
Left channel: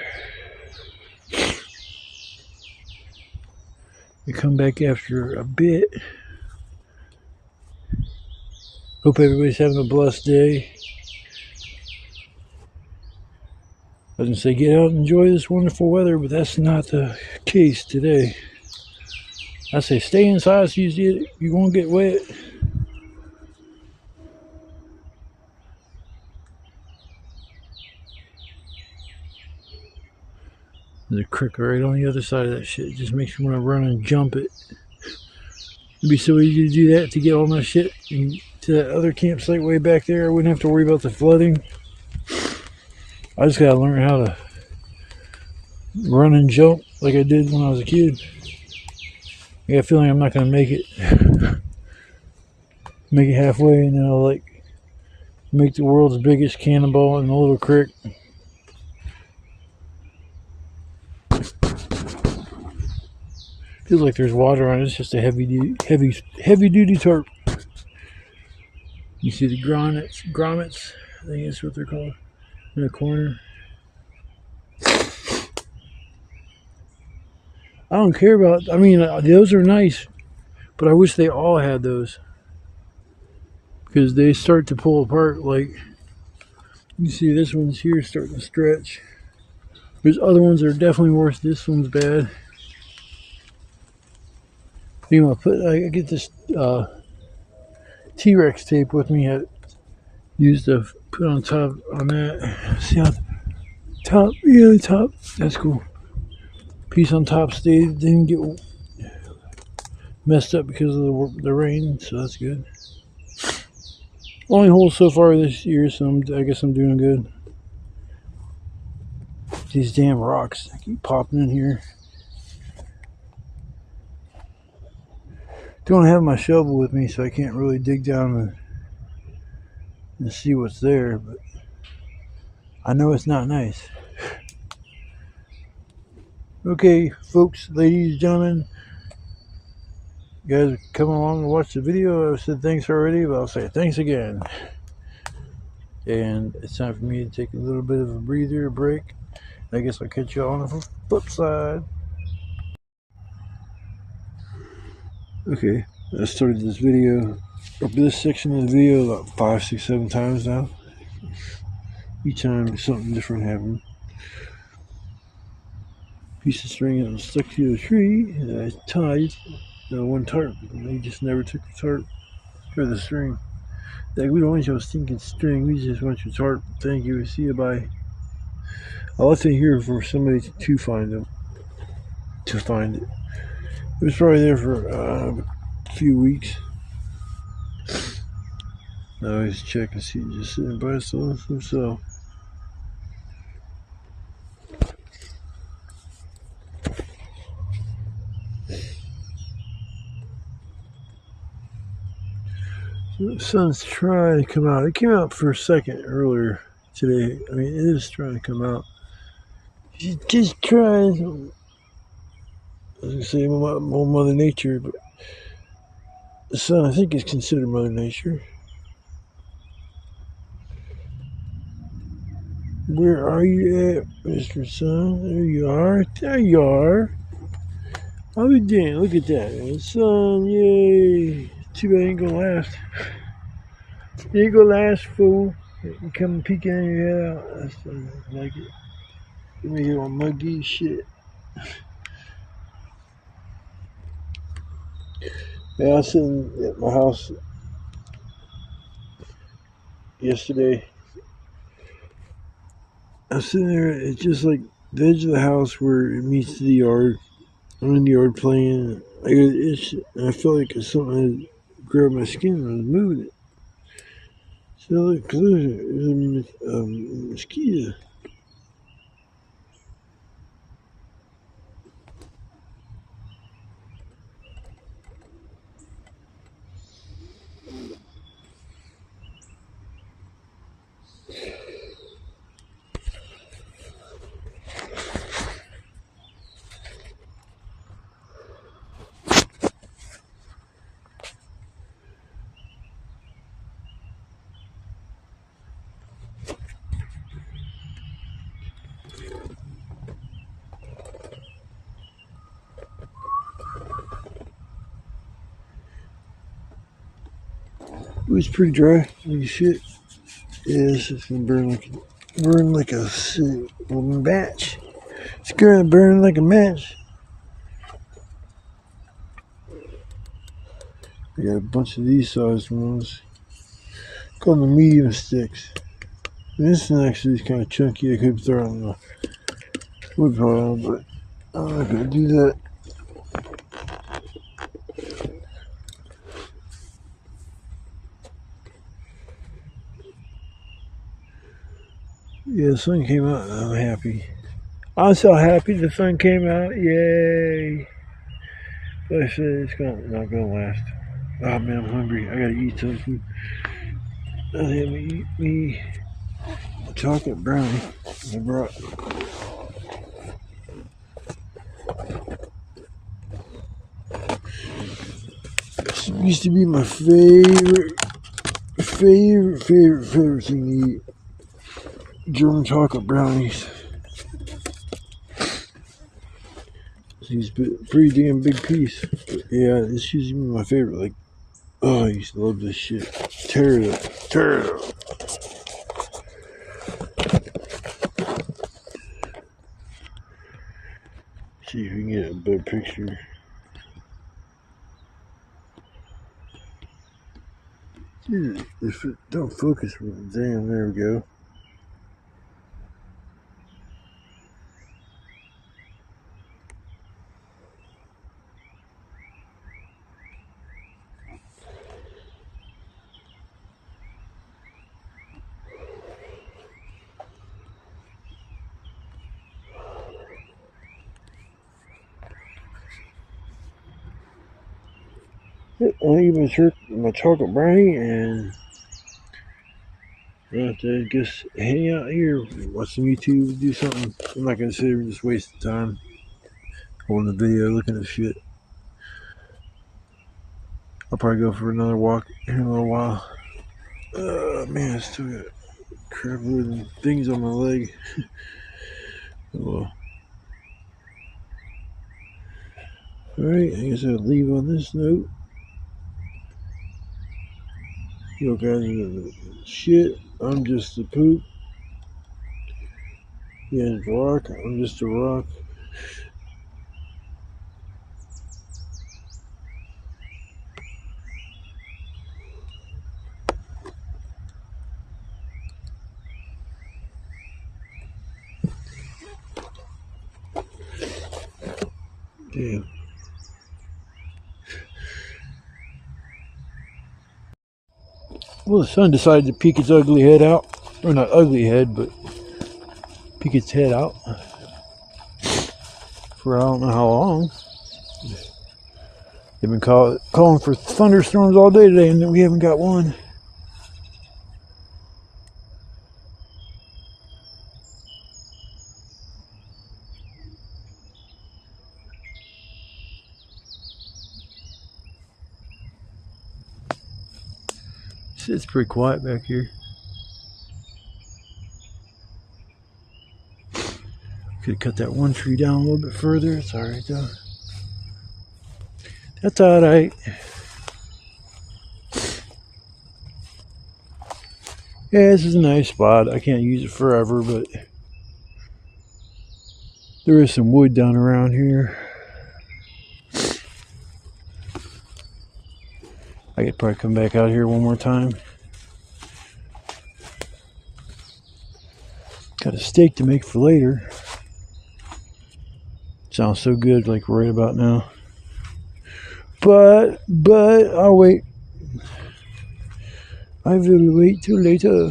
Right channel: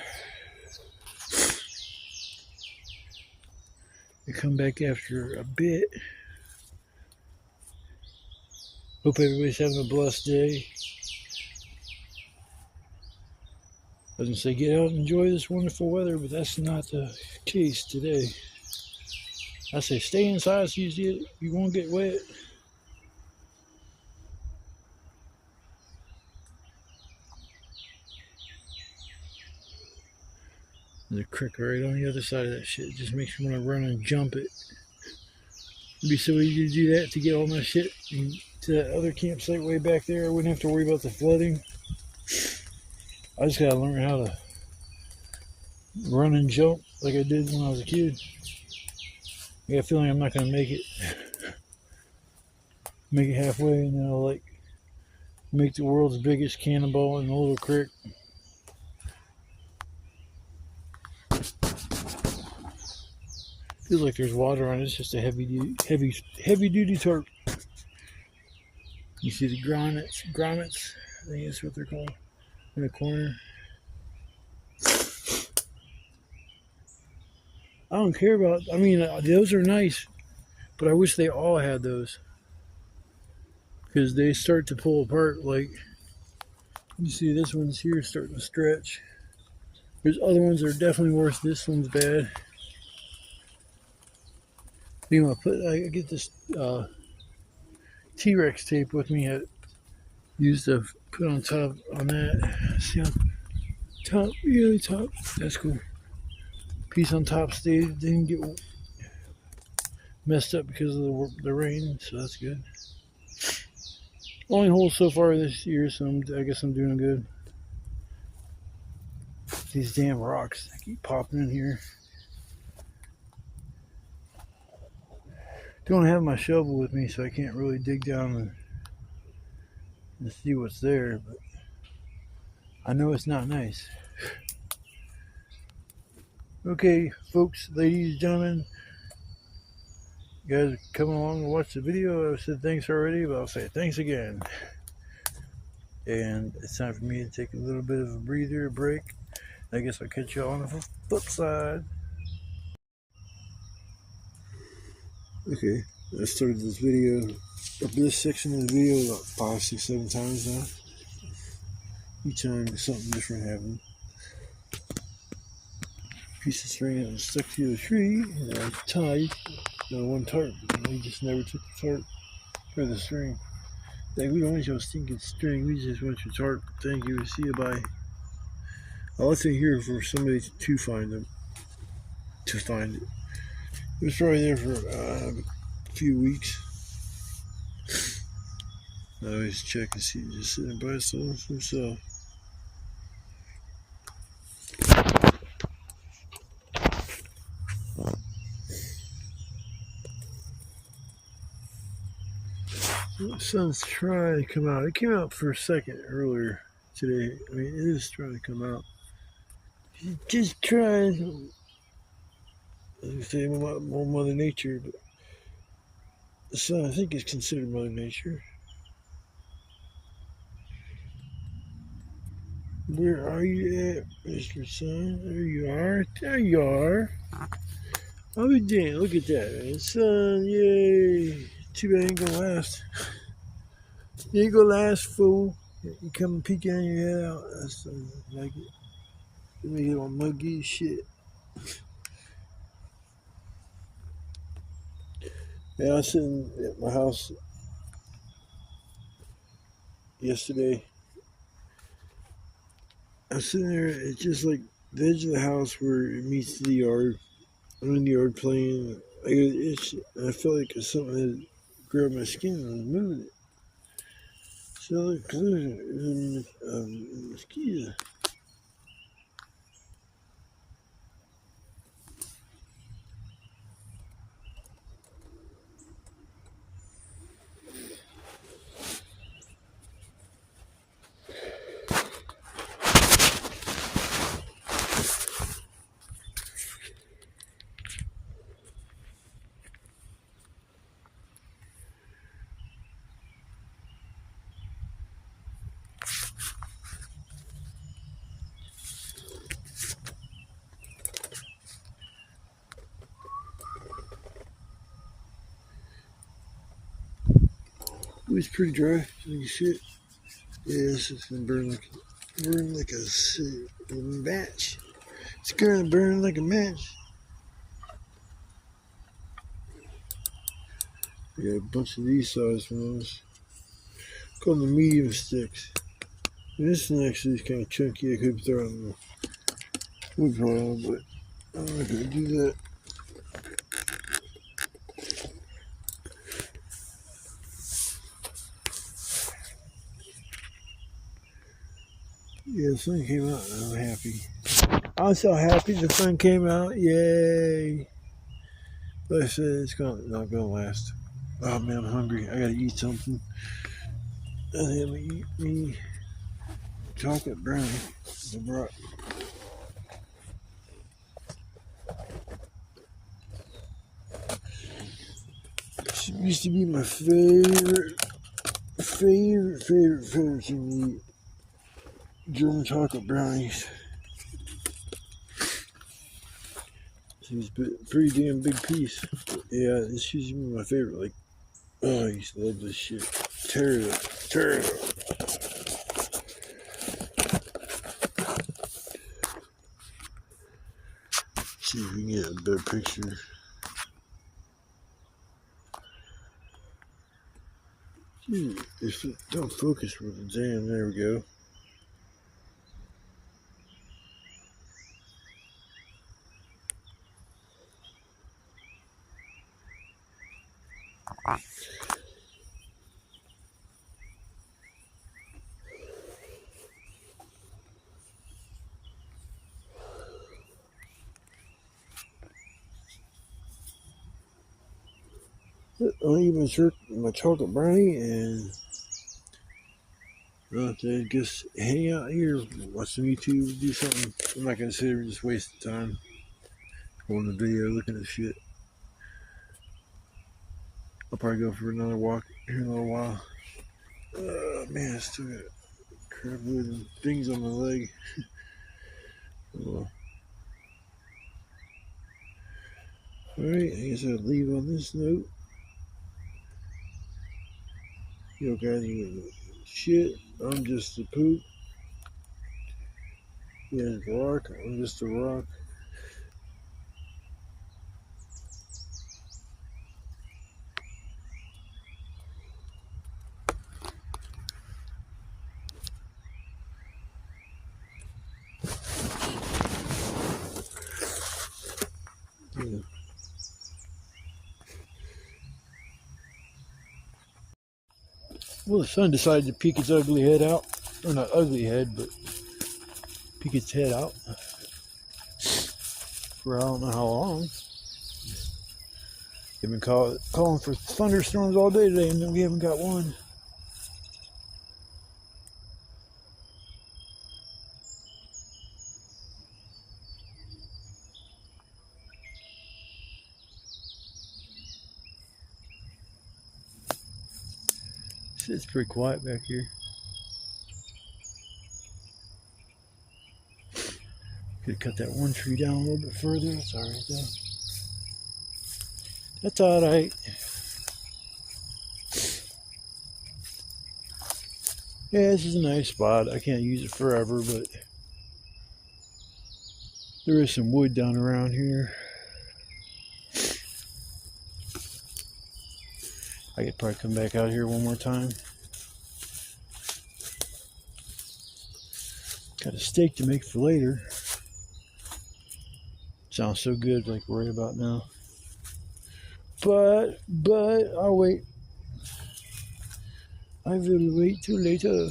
We come back after a bit. Hope everybody's having a blessed day. I was gonna say get out and enjoy this wonderful weather, but that's not the case today. I say stay inside so you won't get wet. There's a creek right on the other side of that shit. It just makes me want to run and jump it. It'd be so easy to do that to get all my shit to that other campsite way back there. I wouldn't have to worry about the flooding. I just gotta learn how to run and jump like I did when I was a kid. I got a feeling I'm not gonna make it. Make it halfway and then I'll like make the world's biggest cannonball in a little creek. Feels like there's water on it. It's just a heavy duty tarp. You see the grommets, I think that's what they're called, in the corner. I don't care about, I mean, those are nice, but I wish they all had those. Because they start to pull apart, like, you see this one's here starting to stretch. There's other ones that are definitely worse. This one's bad. You know, I get this T-Rex tape with me. I used to put on top on that. See how top, yeah, the top. That's cool. Piece on top stayed, didn't get messed up because of the rain, so that's good. Only hole so far this year, so I guess I'm doing good. These damn rocks keep popping in here. Don't have my shovel with me, so I can't really dig down and see what's there, but I know it's not nice. Okay, folks, ladies, gentlemen, you guys are coming along to watch the video. I said thanks already, but I'll say thanks again. And it's time for me to take a little bit of a breather, a break. I guess I'll catch you on the flip side. Okay, I started this video, or this section of the video, about 5, 6, 7 times now. Each time something different happened. Piece of string that was stuck to a tree, and I tied one tarp, and we just never took the tarp or the string. Like, we don't want your stinking string, we just want your tarp. Thank you, see you, bye. I'll let it here for somebody to find them. To find it. It was probably there for a few weeks. I always check and see, just sitting by himself. The sun's trying to come out. It came out for a second earlier today. I mean, it is trying to come out. Just trying. I was going to say more Mother Nature, but the sun, I think, is considered Mother Nature. Where are you at, Mr. Sun? There you are. There you are. I'll be damned. Look at that, man. Sun, yay. Too bad it ain't gonna last. It ain't gonna last, fool. You come peeking in your head out. That's like it. Give me on muggy shit. Yeah, I was sitting at my house yesterday. I was sitting there, it's just like the edge of the house where it meets the yard. I'm in the yard playing. I feel like it's something that grabbed my skin and was moving it. So look, there's a mosquito. It was pretty dry. Holy shit. Yeah, this is gonna burn like a match. It's gonna burn like a match. We got a bunch of these size ones. Call them the medium sticks. And this one actually is kind of chunky. I could throw it on the wood pile, but I'm not gonna do that. Yeah, the sun came out and I'm happy. I'm so happy the sun came out. Yay. But I said it's not gonna last. Oh man, I'm hungry. I gotta eat something. I think I'm gonna eat me a chocolate brownie I brought. This used to be my favorite thing to eat. German chocolate brownies. These pretty damn big piece. But yeah, this used to be my favorite. Like, oh, I used to love this shit. Tear it up. Tear it up. See if we can get a better picture. Dude, if it don't focus, damn, there we go. I'll eat my chocolate brownie and I guess hang out here, watch some YouTube, do something. I'm not gonna sit here and just waste time holding the video, looking at shit. I'll probably go for another walk in a little while. Man, I still got crap and things on my leg. Well, alright, I guess I'll leave on this note. You guys are the shit. I'm just the poop. Yeah, rock. I'm just a rock. Damn. Well, the sun decided to peek its ugly head out. Or not ugly head, but peek its head out. For I don't know how long. They've been calling for thunderstorms all day today, and we haven't got one. It's pretty quiet back here. Could cut that one tree down a little bit further. It's alright though. That's alright. Yeah, this is a nice spot. I can't use it forever, but there is some wood down around here. I could probably come back out here one more time. Got a steak to make for later. Sounds so good, like right about now. But I'll wait. I will wait till later.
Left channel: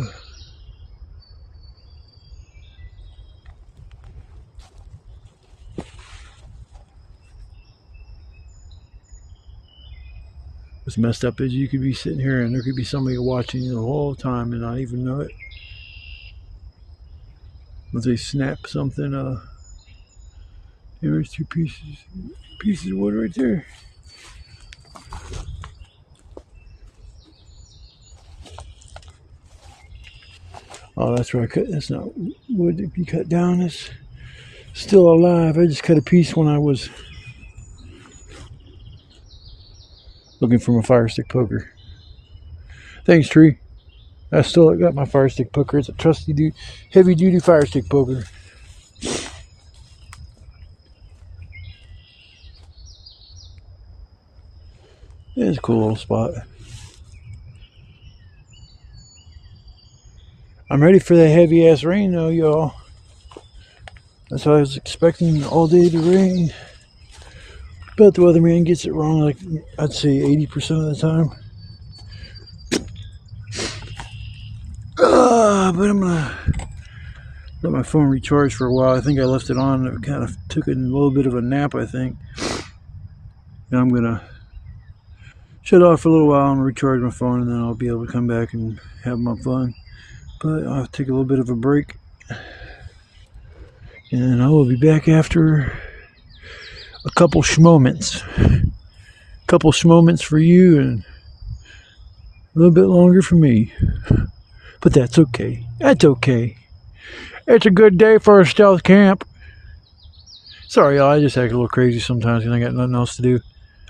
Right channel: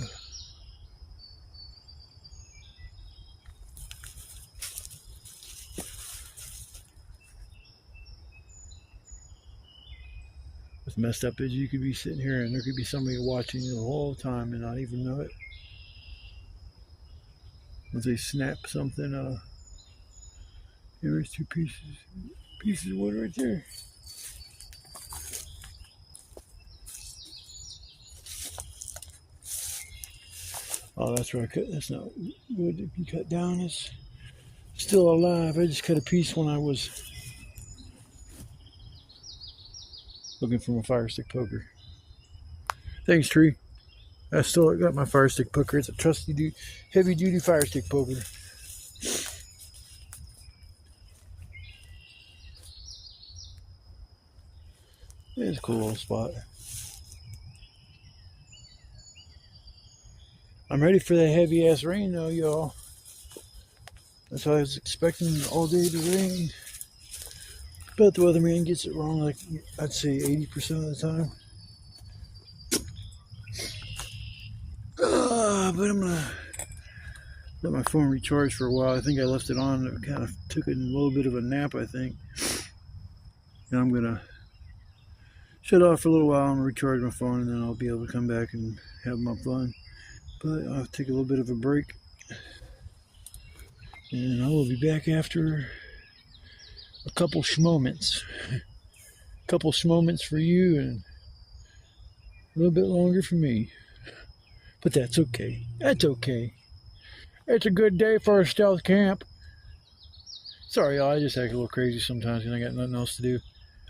What's messed up is you could be sitting here and there could be somebody watching you the whole time and not even know it. Once they snap something, there's two pieces of wood right there. Oh, that's where I cut. That's not wood to be cut down. It's still alive. I just cut a piece when I was looking for my fire stick poker. Thanks, tree. I still got my fire stick poker. It's a trusty, heavy duty fire stick poker. It's a cool little spot. I'm ready for that heavy ass rain though, y'all. That's what I was expecting all day to rain. But the weatherman gets it wrong, like I'd say 80% of the time. But I'm gonna let my phone recharge for a while. I think I left it on. It kind of took a little bit of a nap, I think. And I'm gonna shut off for a little while and recharge my phone, and then I'll be able to come back and have my fun. But I'll take a little bit of a break, and I will be back after a couple schmoments. Couple schmoments for you and a little bit longer for me. But that's okay. That's okay. It's a good day for a stealth camp. Sorry, y'all, I just act a little crazy sometimes and I got nothing else to do.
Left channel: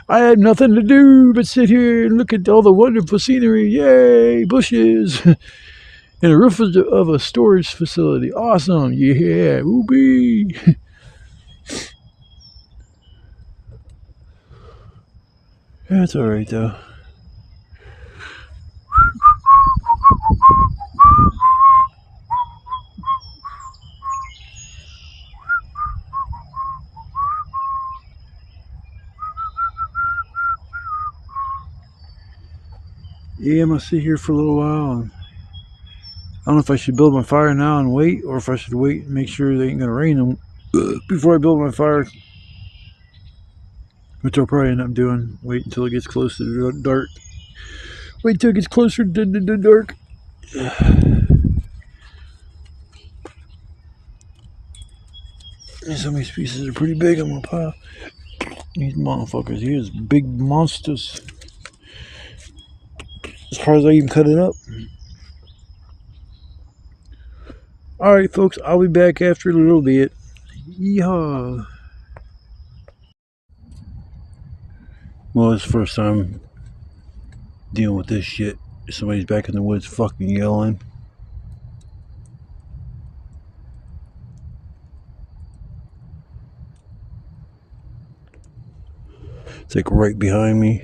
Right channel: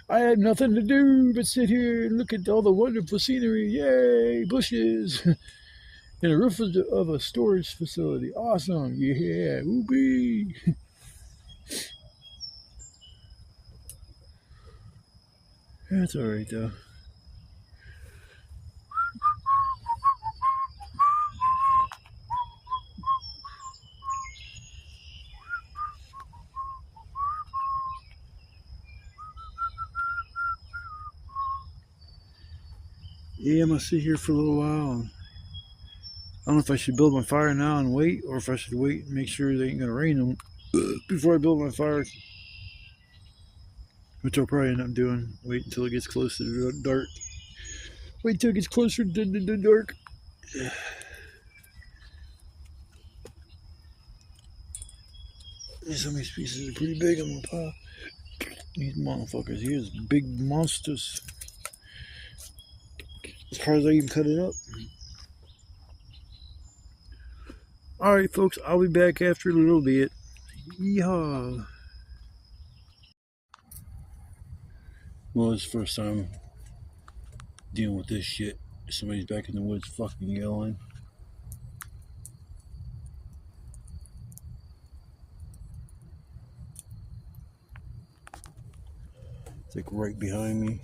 I had nothing to do but sit here and look at all the wonderful scenery. Yay, bushes. And the roof of a storage facility. Awesome. Yeah, whoopee. That's alright though. Yeah, I'm gonna sit here for a little while. And I don't know if I should build my fire now and wait, or if I should wait and make sure they ain't gonna rain them before I build my fire. Which I'll probably end up doing. Wait until it gets closer to dark. Wait till it gets closer to the dark. Some of these pieces are pretty big on my pile. These motherfuckers here is big monsters. As far as I even cut it up. Alright folks, I'll be back after a little bit. Yeehaw. Well, it's the first time dealing with this shit. Somebody's back in the woods fucking yelling. It's like right behind me.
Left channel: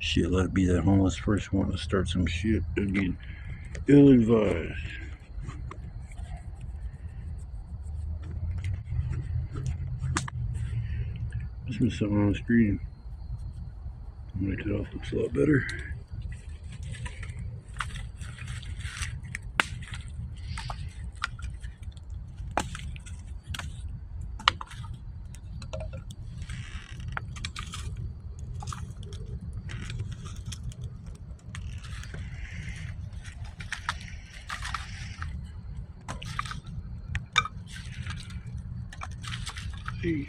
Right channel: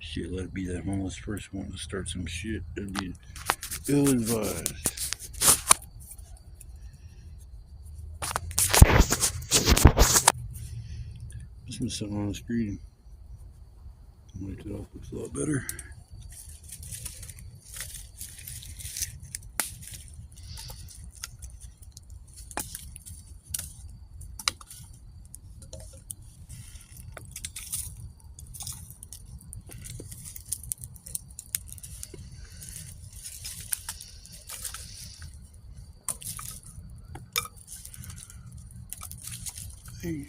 Shit, let it be that homeless person wanting to start some shit. That'd be ill-advised. There's been something on the screen. Make it off, looks a lot better. Hey.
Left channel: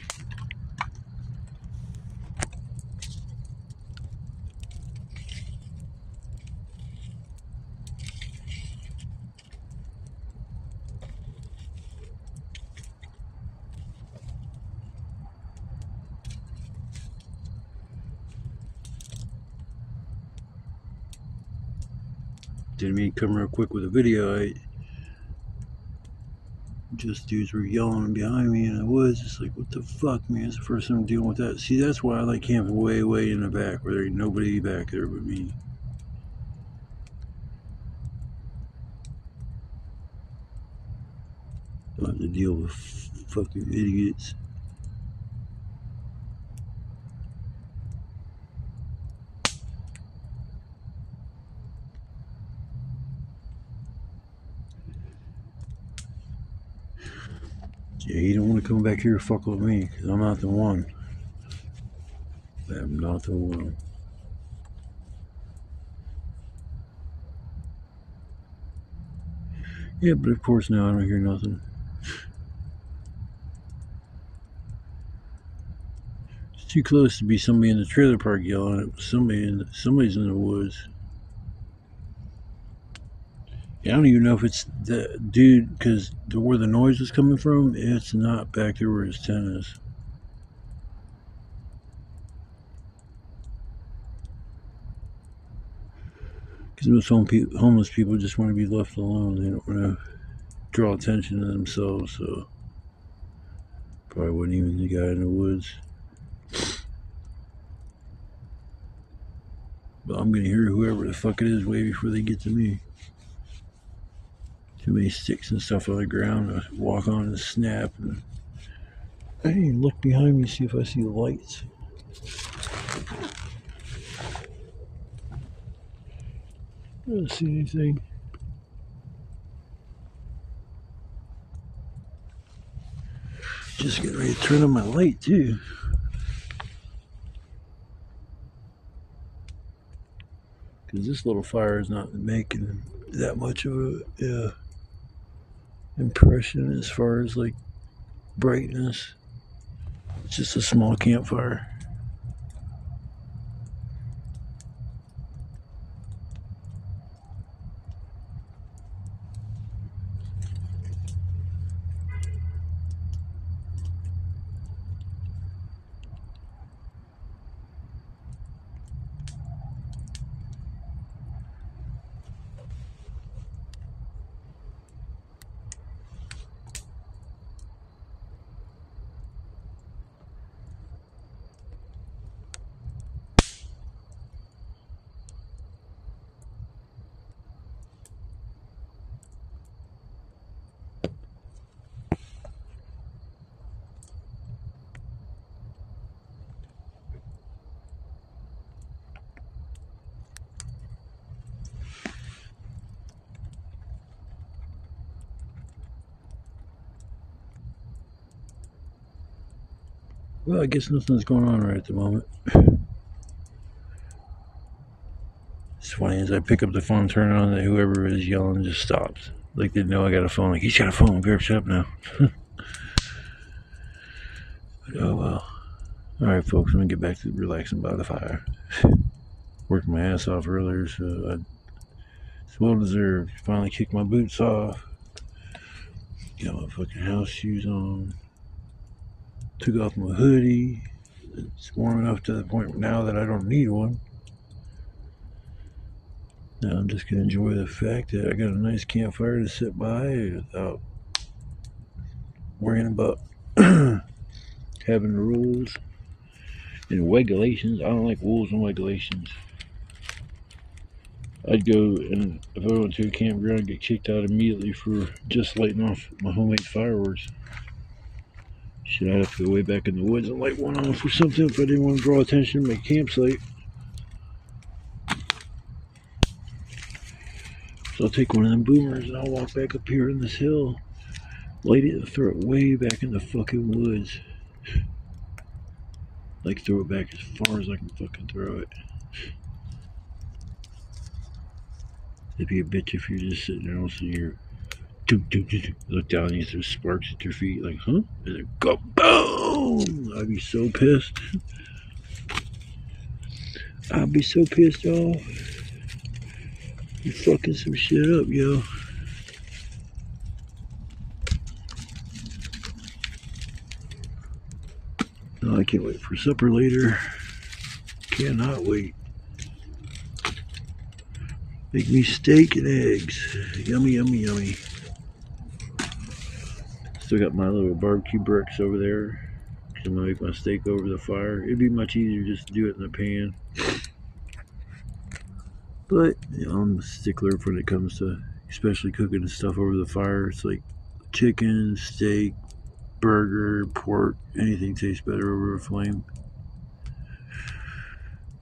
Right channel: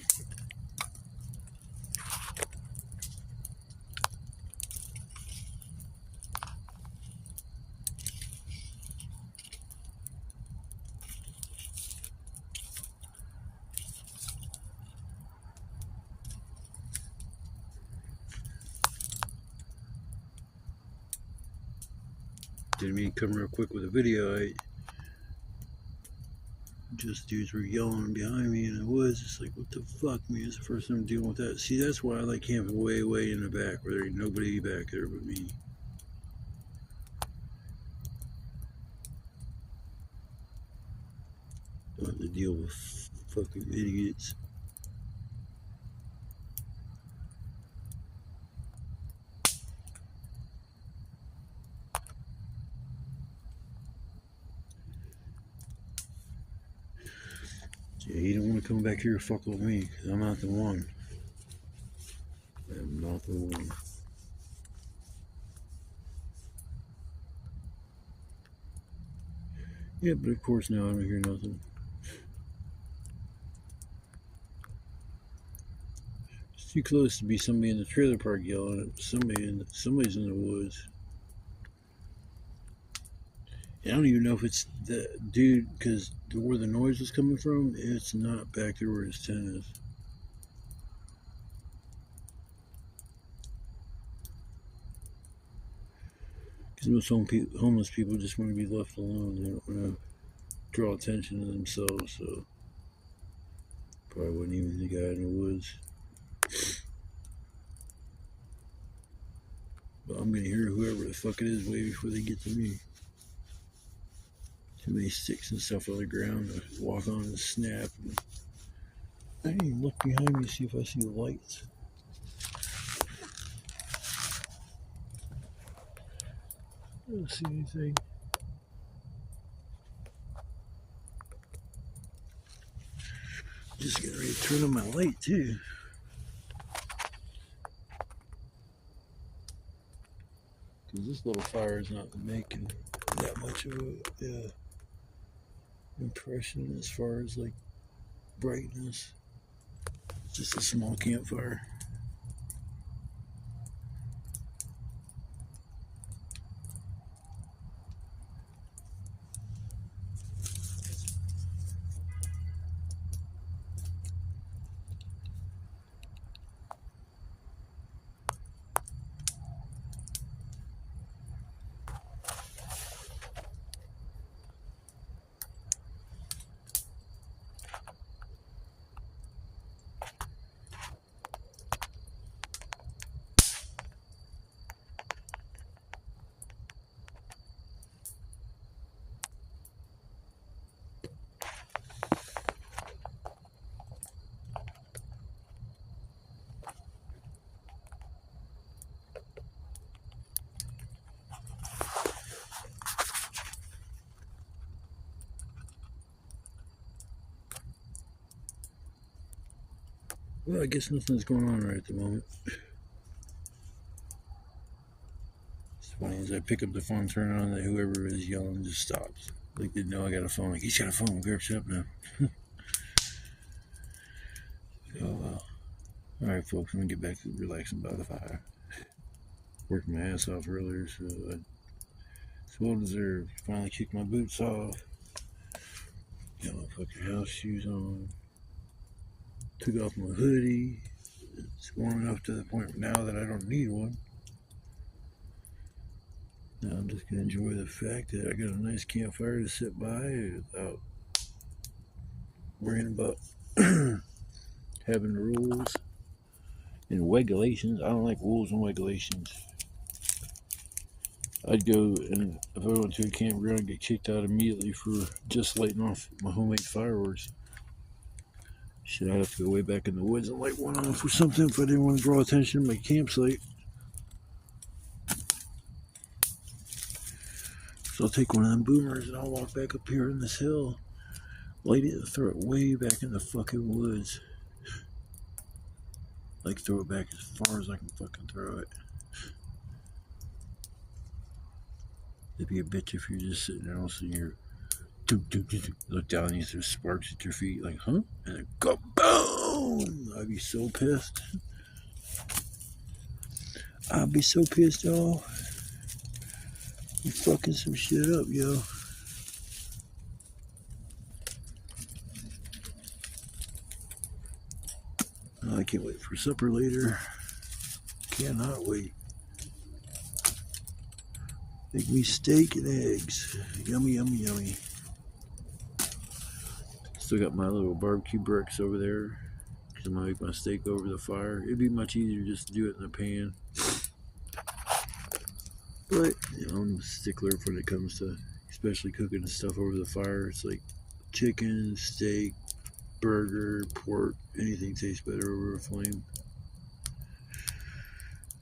Didn't mean to come real quick with a video. Just dudes were yelling behind me in the woods. It's like, what the fuck, man? It's the first time I'm dealing with that. See, that's why I like camping way, way in the back where there ain't nobody back there but me. Don't have to deal with fucking idiots. Yeah, you don't want to come back here and fuck with me, because I'm not the one. I'm not the one. Yeah, but of course now I don't hear nothing. It's too close to be somebody in the trailer park yelling. It was somebody's in the woods. I don't even know if it's that dude, because where the noise is coming from, it's not back there where his tent is. Because most homeless people just want to be left alone. They don't want to draw attention to themselves, so probably wasn't even the guy in the woods. But I'm going to hear whoever the fuck it is way before they get to me. Too many sticks and stuff on the ground to walk on and snap. And I didn't even look behind me to see if I see the lights. I don't see anything. Just getting ready to turn on my light too. Because this little fire is not making that much of a impression as far as like brightness. It's just a small campfire. Well, I guess nothing's going on right at the moment. It's funny, as I pick up the phone, turn it on, that whoever is yelling just stops. Like they know I got a phone. Like, he's got a phone. Better shut up now. Oh well. Alright, folks, I'm gonna get back to relaxing by the fire. Worked my ass off earlier, so it's well deserved. Finally kicked my boots off. Got my fucking house shoes on. Took off my hoodie. It's warm enough to the point now that I don't need one. Now I'm just gonna enjoy the fact that I got a nice campfire to sit by without worrying about having the rules and regulations. I don't like rules and regulations. I'd go, and if I went to a campground, I'd get kicked out immediately for just lighting off my homemade fireworks. Shit, I'd have to go way back in the woods and light one off or something if I didn't want to draw attention to my campsite. So I'll take one of them boomers and I'll walk back up here in this hill, light it and throw it way back in the fucking woods. Like throw it back as far as I can fucking throw it. It'd be a bitch if you're just sitting there and all of a sudden you're look down and you throw sparks at your feet, like, huh? And then go boom! I'd be so pissed. I'd be so pissed off. You're fucking some shit up, yo. Oh, I can't wait for supper later. Cannot wait. Make me steak and eggs. Yummy, yummy, yummy. Still got my little barbecue bricks over there. I'm gonna make my steak over the fire. It'd be much easier just to do it in the pan. But you know, I'm a stickler when it comes to especially cooking stuff over the fire. It's like chicken, steak, burger, pork, anything tastes better over a flame.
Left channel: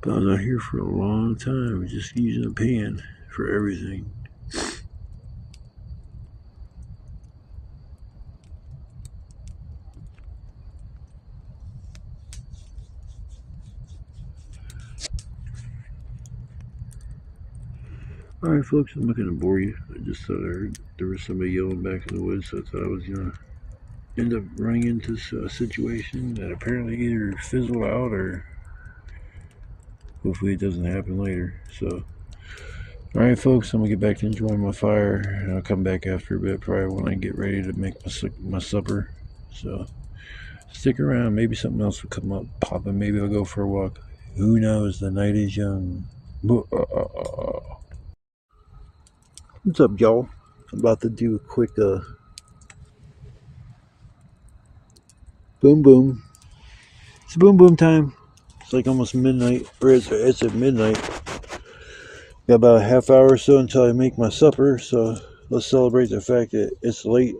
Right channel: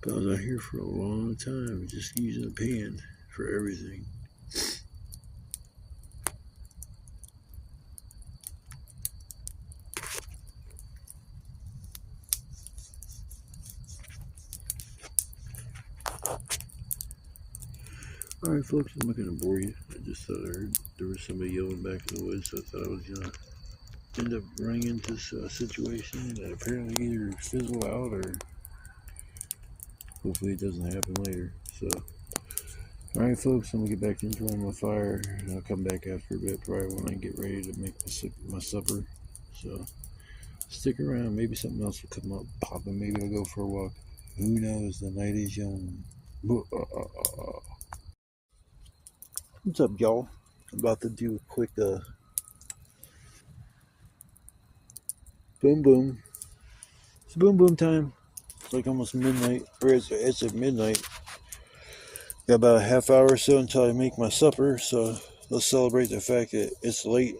But I was out here for a long time just using a pan for everything. Alright folks, I'm not going to bore you. I just thought I heard there was somebody yelling back in the woods, so I thought I was going to end up running into a situation that apparently either fizzled out or hopefully it doesn't happen later. So, alright folks, I'm going to get back to enjoying my fire, and I'll come back after a bit, probably when I get ready to make my supper. So, stick around, maybe something else will come up popping, maybe I'll go for a walk. Who knows, the night is young. What's up, y'all? I'm about to do a quick boom boom. It's boom boom time. It's like almost midnight, or it's at midnight. Got about a half hour or so until I make my supper, so let's celebrate the fact that it's late.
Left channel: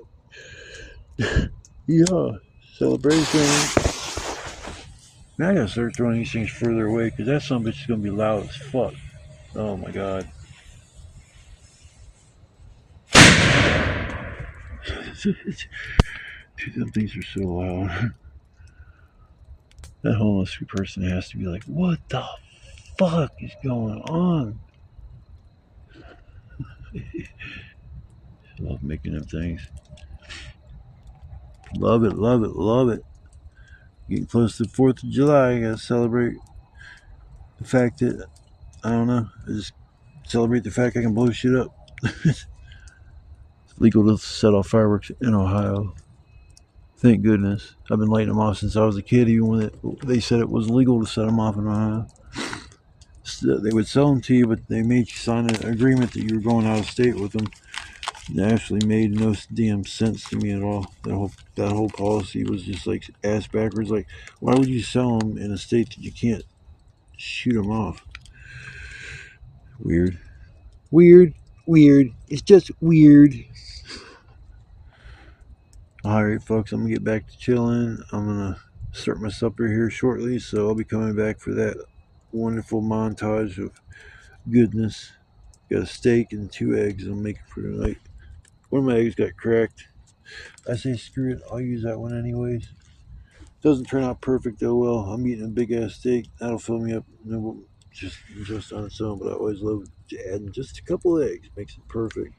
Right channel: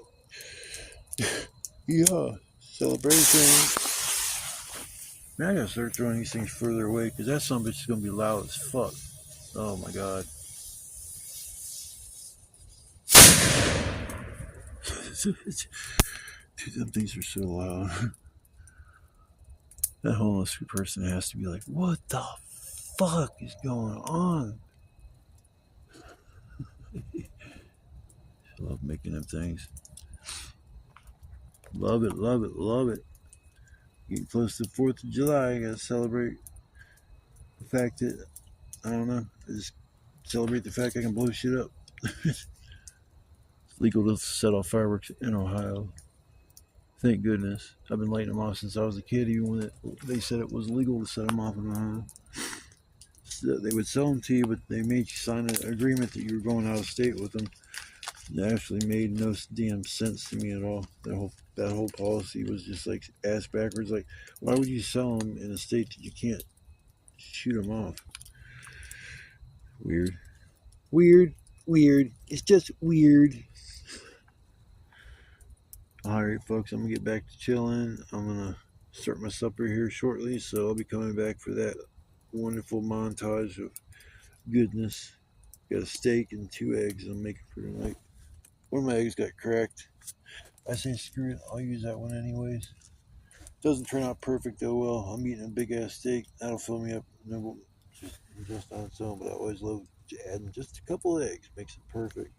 Yeah, celebration. Man, I gotta start throwing these things further away because that son of a bitch is gonna be loud as fuck. Oh my god. Dude, them things are so loud. That homeless person has to be like, what the fuck is going on? Love making them things. Love it, love it, love it. Getting close to the 4th of July, I gotta celebrate the fact that, I don't know, I just celebrate the fact I can blow shit up. It's legal to set off fireworks in Ohio. Thank goodness. I've been lighting them off since I was a kid, even when they said it was legal to set them off in Ohio. They would sell them to you, but they made you sign an agreement that you were going out of state with them. It actually made no damn sense to me at all. That whole policy was just like ass backwards. Like, why would you sell them in a state that you can't shoot them off? Weird. Weird. Weird. It's just weird. Alright folks, I'm going to get back to chilling. I'm going to start my supper here shortly, so I'll be coming back for that wonderful montage of goodness. Got a steak and 2 eggs I'm making for tonight. One of my eggs got cracked. I say screw it, I'll use that one anyways. Doesn't turn out perfect though. Well, I'm eating a big ass steak. That'll fill me up. Just on its own, but I always love adding just a couple eggs. Makes it perfect.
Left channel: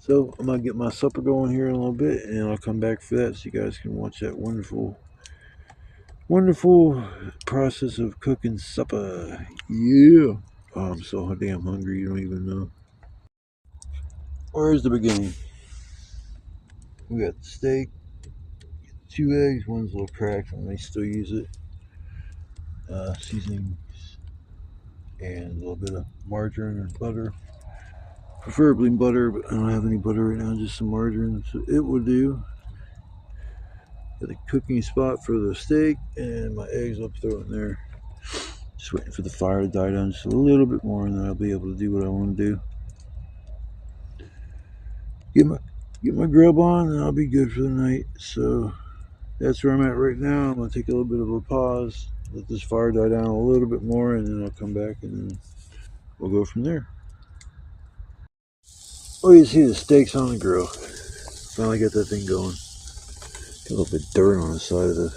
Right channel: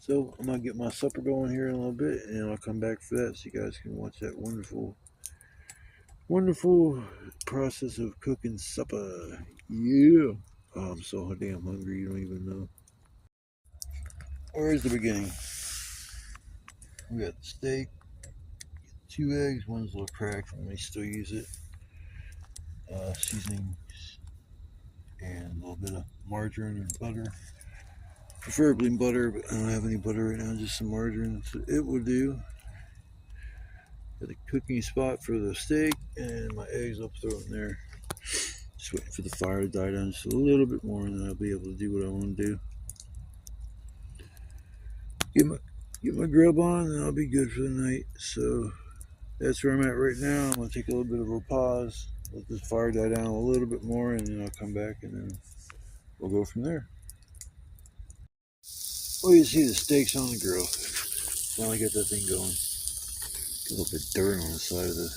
So I'm gonna get my supper going here in a little bit, and I'll come back for that so you guys can watch that wonderful, wonderful process of cooking supper. Yeah. Oh, I'm so damn hungry. You don't even know. Where's the beginning? We got the steak, 2 eggs. One's a little cracked. I may still use it. Seasoning and a little bit of margarine and butter. Preferably butter, but I don't have any butter right now, just some margarine, so it will do. Got a cooking spot for the steak, and my eggs I'll throw in there. Just waiting for the fire to die down just a little bit more, and then I'll be able to do what I want to do. Get my grub on, and I'll be good for the night. So that's where I'm at right now. I'm gonna take a little bit of a pause, let this fire die down a little bit more, and then I'll come back and then we'll go from there. Oh, you see the steaks on the grill. Finally got that thing going. Got a little bit of dirt on the side of the...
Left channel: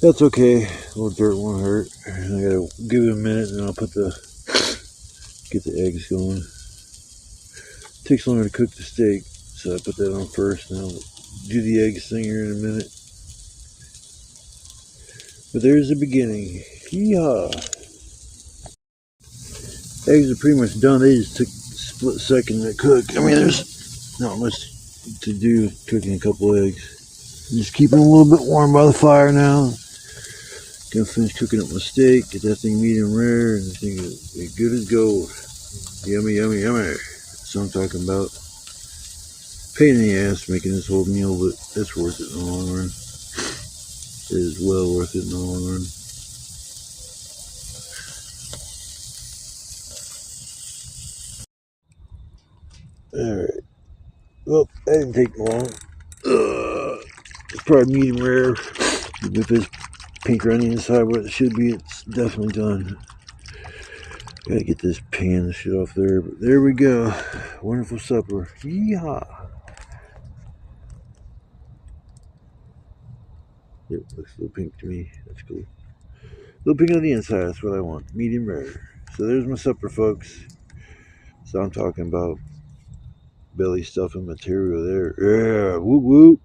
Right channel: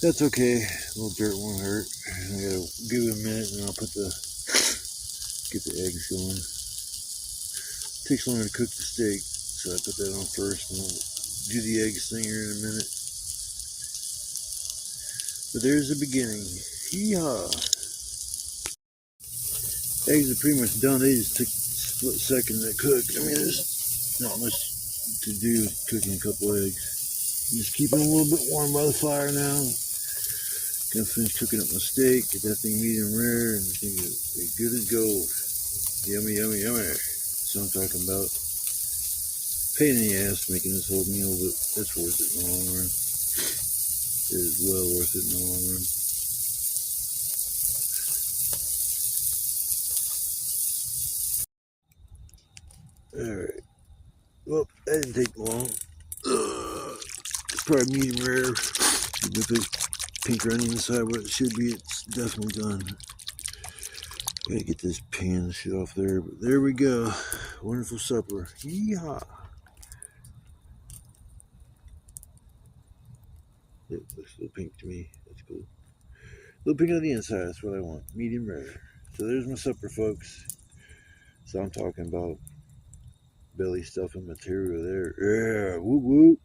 That's okay. A little dirt won't hurt. I gotta give it a minute, and then I'll get the eggs going. It takes longer to cook the steak, so I put that on first, and I'll do the eggs thing here in a minute. But there's the beginning. Yeehaw! Eggs are pretty much done. They just took split second to cook. I mean, there's not much to do cooking a couple eggs. Just keep them a little bit warm by the fire now. Gonna finish cooking up my steak, get that thing medium rare, and the thing is good as gold. Yummy, yummy, yummy. That's what I'm talking about. Pain in the ass making this whole meal, but it's worth it in the long run. It is well worth it in the long run. Alright. Well, that didn't take long. It's probably medium rare. If it's pink around the inside where it should be, it's definitely done. Gotta get this pan shit off there. But there we go. Wonderful supper. Yeehaw. It looks a little pink to me. That's cool. A little pink on the inside. That's what I want. Medium rare. So there's my supper, folks. So I'm talking about belly stuffing material there. Yeah. Whoop whoop.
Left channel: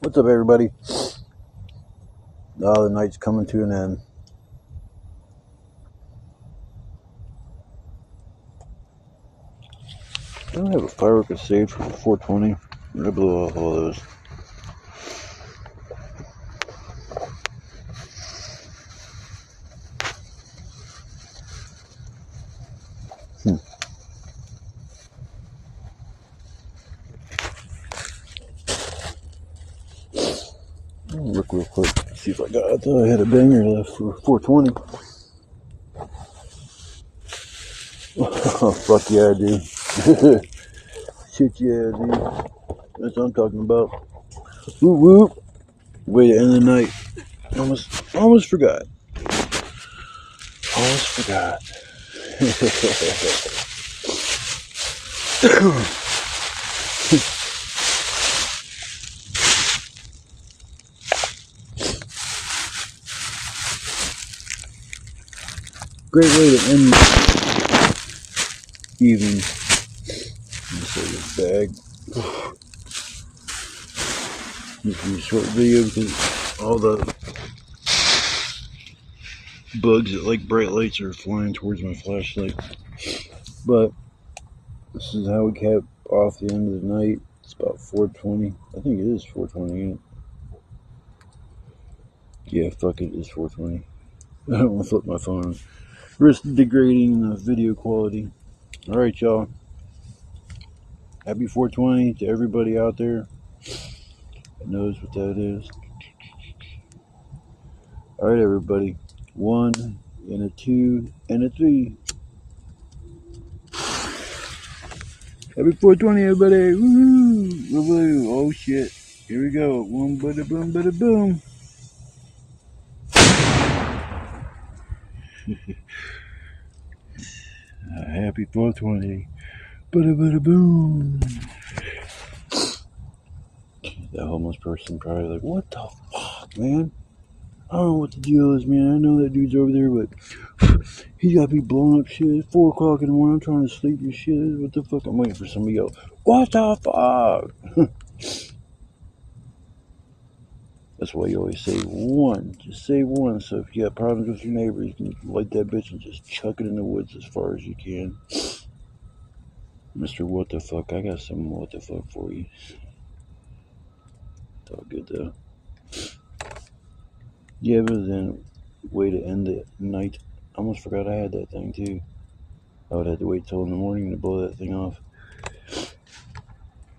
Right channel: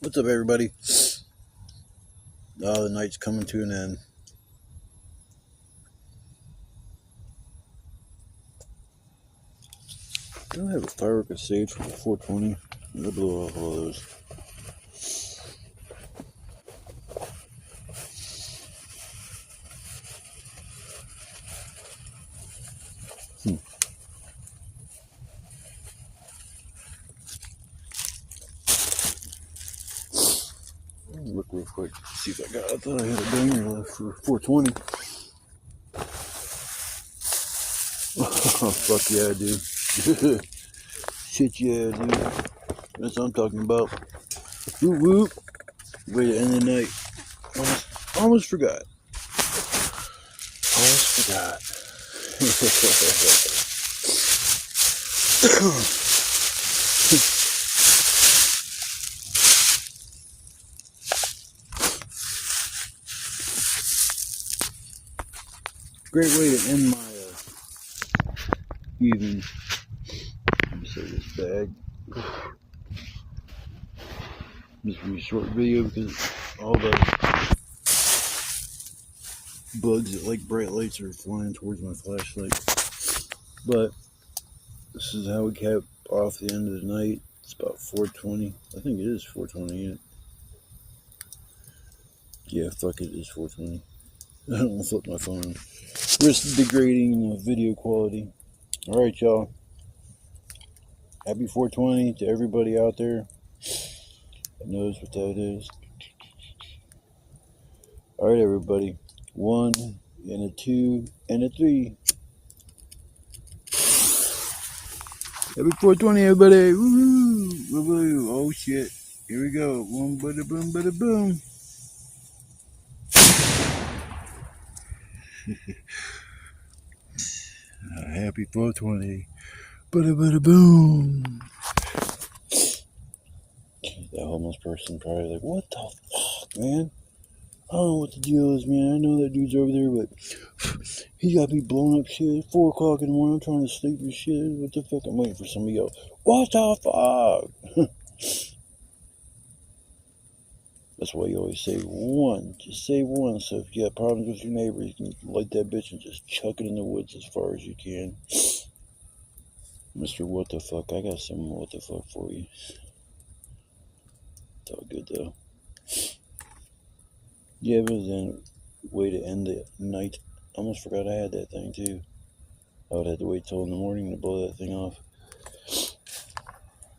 What's up, everybody? Oh, the night's coming to an end. I don't have a firework saved for 420. I blew off all those. Look real quick, see if I got. I thought I had a banger left for 420. Oh, fuck yeah, dude. Shit yeah, dude. That's what I'm talking about. Whoop whoop. Way to end the night. Almost forgot. Almost forgot. Great way to end the evening. Just like this bag. Just do a short video because all the bugs that like bright lights are flying towards my flashlight. But this is how we cap off the end of the night. It's about 420. I think it is 420. Ain't it? Yeah, fuck it, it's 420. I don't want to flip my phone. Risk degrading the video quality. Alright, y'all. Happy 420 to everybody out there who knows what that is. Alright, everybody. 1 and a 2 and a 3. Happy 420, everybody. Woo! Oh shit. Here we go. Boom, bada boom, bada boom. Happy 420. Bada bada boom. That homeless person probably like, what the fuck, man? I don't know what the deal is, man. I know that dude's over there, but he got me blowing up shit. It's 4 o'clock in the morning. I'm trying to sleep and shit. What the fuck? I'm waiting for somebody to go, what the fuck? That's why you always say one. Just say one. So if you got problems with your neighbor, you can light that bitch and just chuck it in the woods as far as you can. Mr. What the fuck? I got some what the fuck for you. It's all good though. Yeah, but then way to end the night. I almost forgot I had that thing too. I would have to wait till in the morning to blow that thing off.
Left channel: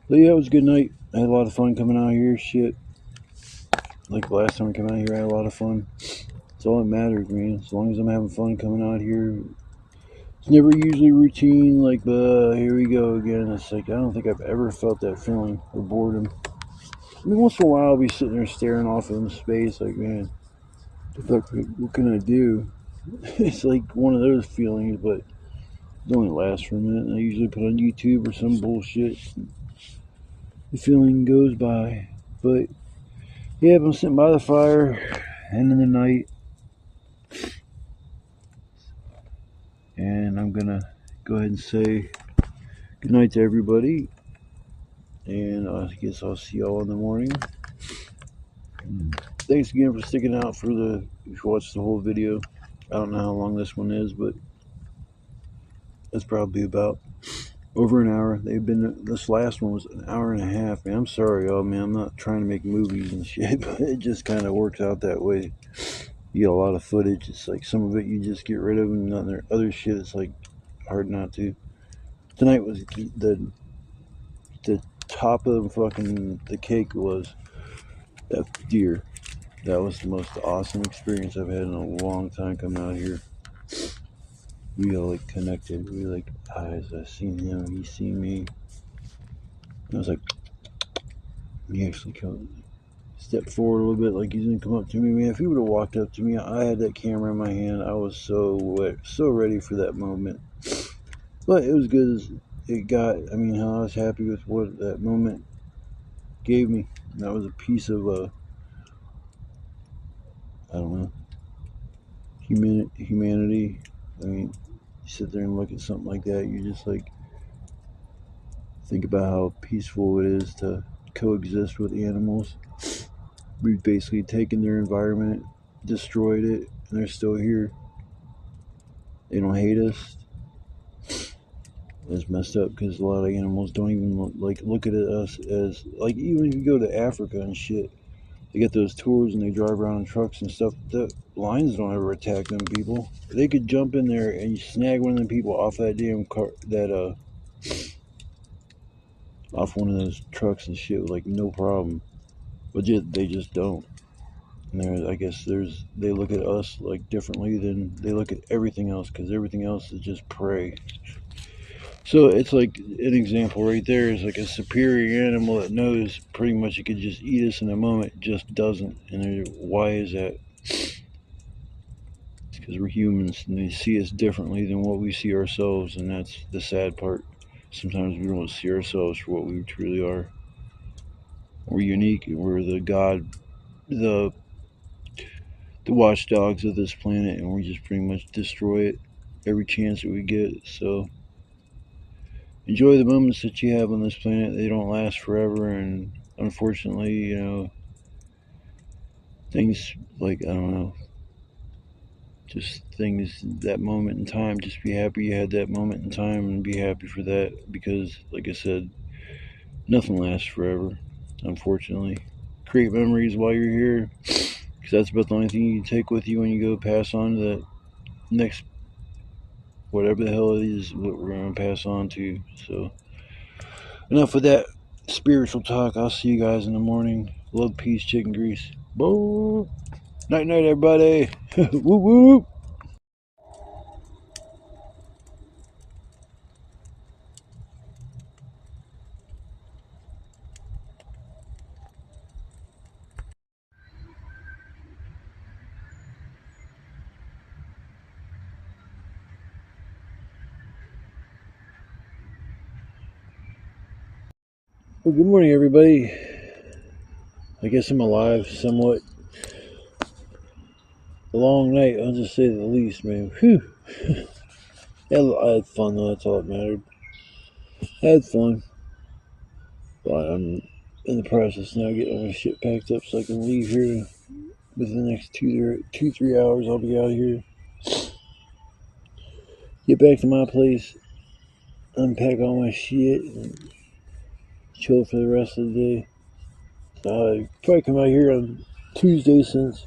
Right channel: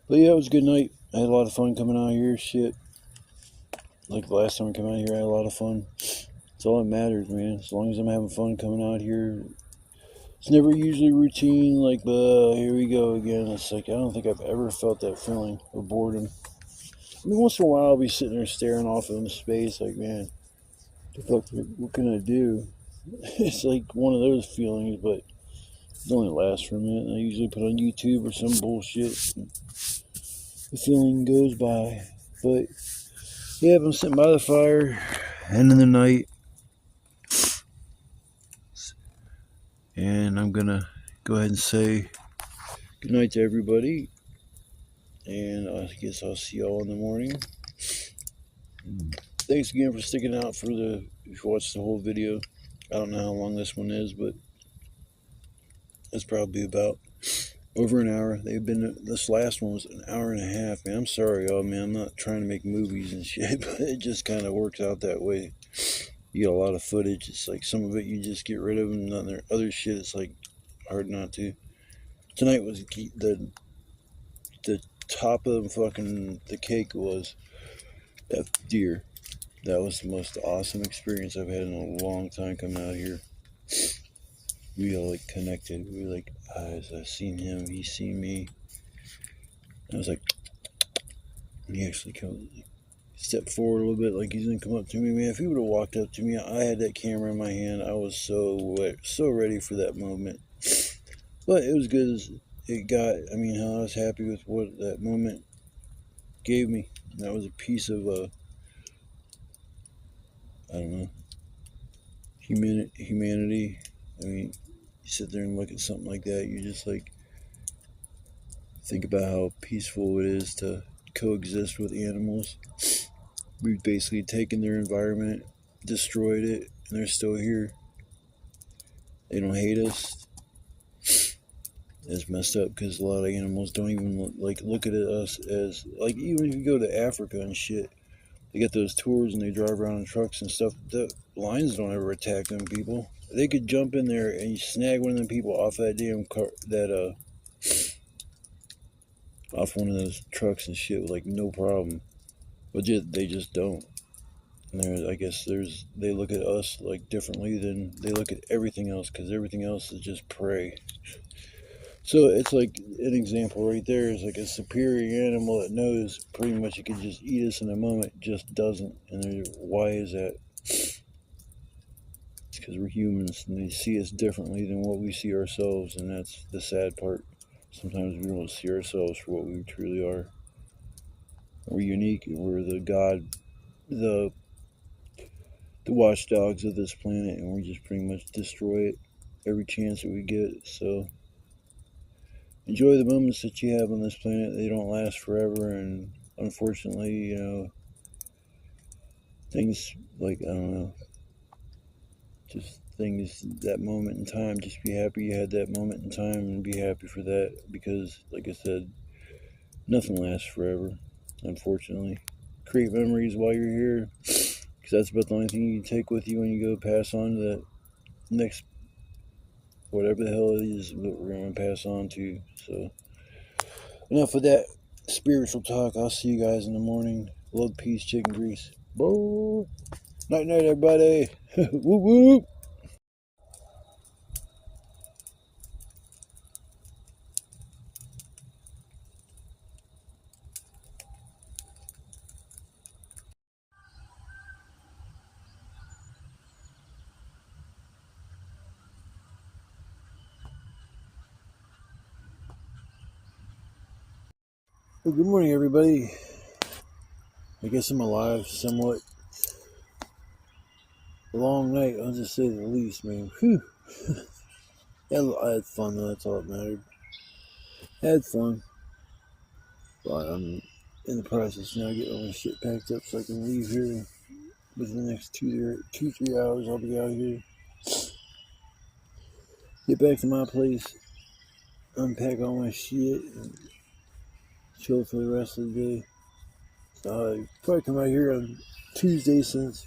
But yeah, it was a good night. I had a lot of fun coming out here. Shit. Like the last time I came out here, I had a lot of fun. That's all that matters, man. As long as I'm having fun coming out here. It's never usually routine, like, here we go again. It's like, I don't think I've ever felt that feeling of boredom. I mean, once in a while I'll be sitting there staring off into space, like, man, what can I do? It's like one of those feelings, but it only lasts for a minute. I usually put on YouTube or some bullshit. The feeling goes by. But yeah, I'm sitting by the fire, end of the night, and I'm gonna go ahead and say good night to everybody, and I guess I'll see y'all in the morning. thanks again for sticking out if you watched the whole video. I don't know how long this one is, but it's probably about over an hour. This last one was an hour and a half, man. I'm sorry, y'all, man. I'm not trying to make movies and shit, but it just kind of works out that way. You get a lot of footage. It's like some of it you just get rid of, and other shit it's like hard not to. Tonight was the top of the cake was that deer. That was the most awesome experience I've had in a long time coming out here. We like connected. We like eyes. I seen him. He seen me. I was like, he actually stepped forward a little bit, like he's gonna come up to me, man. If he would have walked up to me, I had that camera in my hand. I was so ready for that moment. But it was good as it got. I mean, how I was happy with what that moment gave me. And that was a piece of I don't know, humanity. I mean, you sit there and look at something like that, you just like think about how peaceful it is to coexist with animals. We've basically taken their environment, destroyed it, and they're still here. They don't hate us. It's messed up because a lot of animals don't even like look at us as like, even if you go to Africa and shit, they get those tours and they drive around in trucks and stuff. The lions don't ever attack them people. They could jump in there and snag one of them people off that damn car, off one of those trucks and shit with like no problem. But they just don't. And I guess they look at us like differently than they look at everything else, because everything else is just prey. So it's like an example right there is like a superior animal that knows pretty much it could just eat us in a moment, just doesn't. And why is that? It's because we're humans and they see us differently than what we see ourselves, and that's the sad part. Sometimes we don't see ourselves for what we truly are. We're unique. We're the watchdogs of this planet, and we just pretty much destroy it every chance that we get. So enjoy the moments that you have on this planet. They don't last forever, and unfortunately, you know, things like, I don't know, just things, that moment in time, just be happy you had that moment in time and be happy for that, because like I said, nothing lasts forever, unfortunately. Create memories while you're here, because that's about the only thing you can take with you when you go pass on to the next, whatever the hell it is what we're going to pass on to. So enough of that spiritual talk. I'll see you guys in the morning. Love, peace, chicken grease. Boo. Night night, everybody. Woo woo. Well, good morning, everybody. I guess I'm alive somewhat. A long night, I'll just say the least, man. Whew. Yeah, I had fun, though. That's all that mattered. I had fun. But I'm in the process now getting all my shit packed up so I can leave here within the next 3 hours. I'll be out of here. Get back to my place, unpack all my shit, and chill for the rest of the day. So I'll probably come out here on Tuesday, since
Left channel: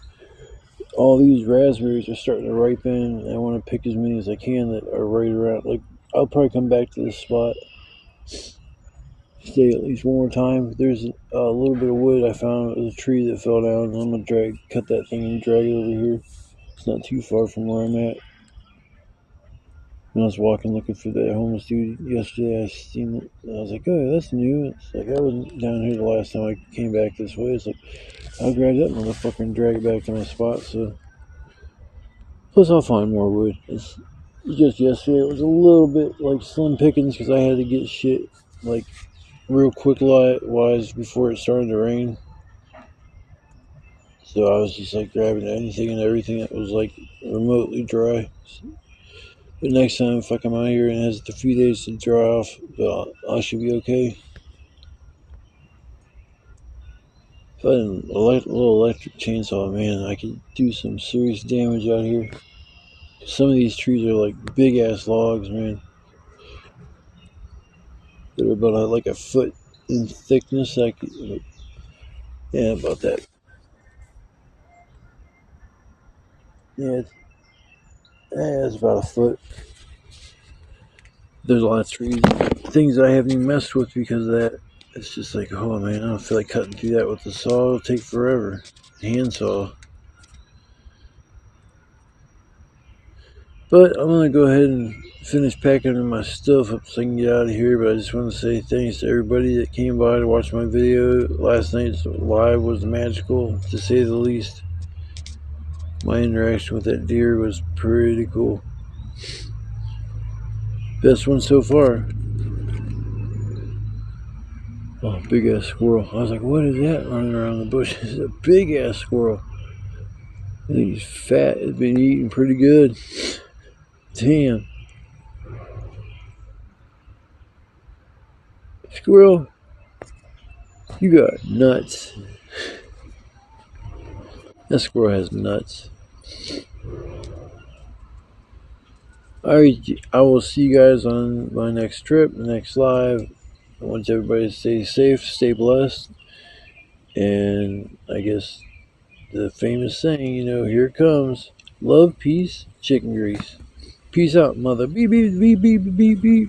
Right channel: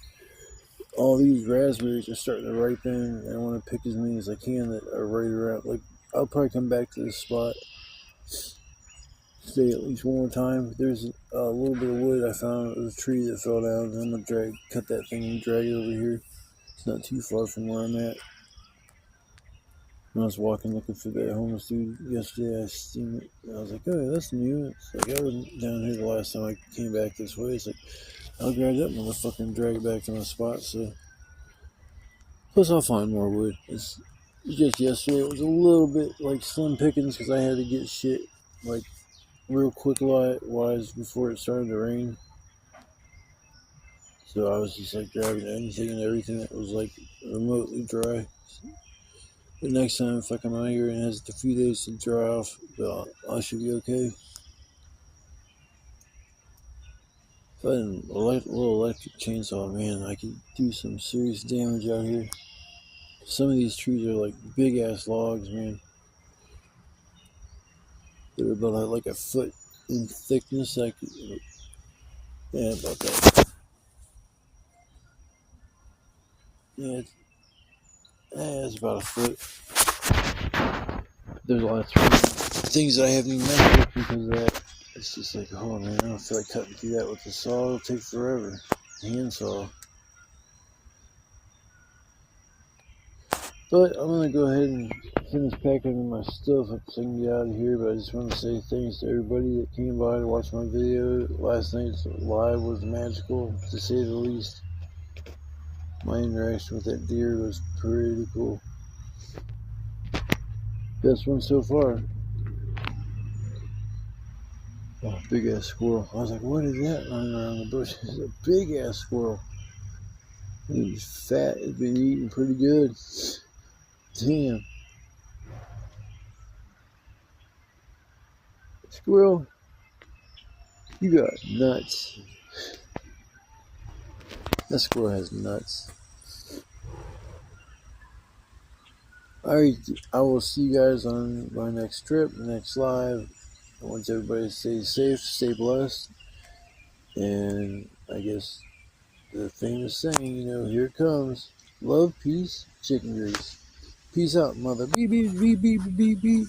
all these raspberries are starting to ripen, and I want to pick as many as I can that are right around. Like, I'll probably come back to this spot, stay at least one more time. There's a little bit of wood I found. It was a tree that fell down. I'm gonna cut that thing and drag it over here. It's not too far from where I'm at. When I was walking looking for that homeless dude yesterday, I seen it. And I was like, oh, that's new. It's like, I wasn't down here the last time I came back this way. It's like, I'll grab that motherfucker and drag it back to my spot. So, plus I'll find more wood. It's just yesterday, it was a little bit like slim pickings because I had to get shit like real quick wise before it started to rain. So I was just like grabbing anything and everything that was like remotely dry. But next time, if I come out here and it has a few days to dry off, I should be okay. If I had a little electric chainsaw, man, I could do some serious damage out here. Some of these trees are like big ass logs, man. They're about like a foot in thickness. Yeah, about that. Yeah, it's about a foot. There's a lot of things that I haven't even messed with because of that. It's just like, oh man, I don't feel like cutting through that with the saw. It'll take forever. Handsaw. But I'm going to go ahead and finish packing my stuff up so I can get out of here. But I just want to say thanks to everybody that came by to watch my video. Last night's live was magical, to say the least. My interaction with that deer was pretty cool. Best one so far. Oh, big ass squirrel. I was like, what is that running around the bush? It's a big ass squirrel. I think he's fat. He's been eating pretty good. Damn. Squirrel, you got nuts. That squirrel has nuts. Alright, I will see you guys on my next trip, the next live. I want everybody to stay safe, stay blessed. And I guess the famous saying, here it comes. Love, peace, chicken grease. Peace out, mother. Beep, beep, beep, beep, beep, beep.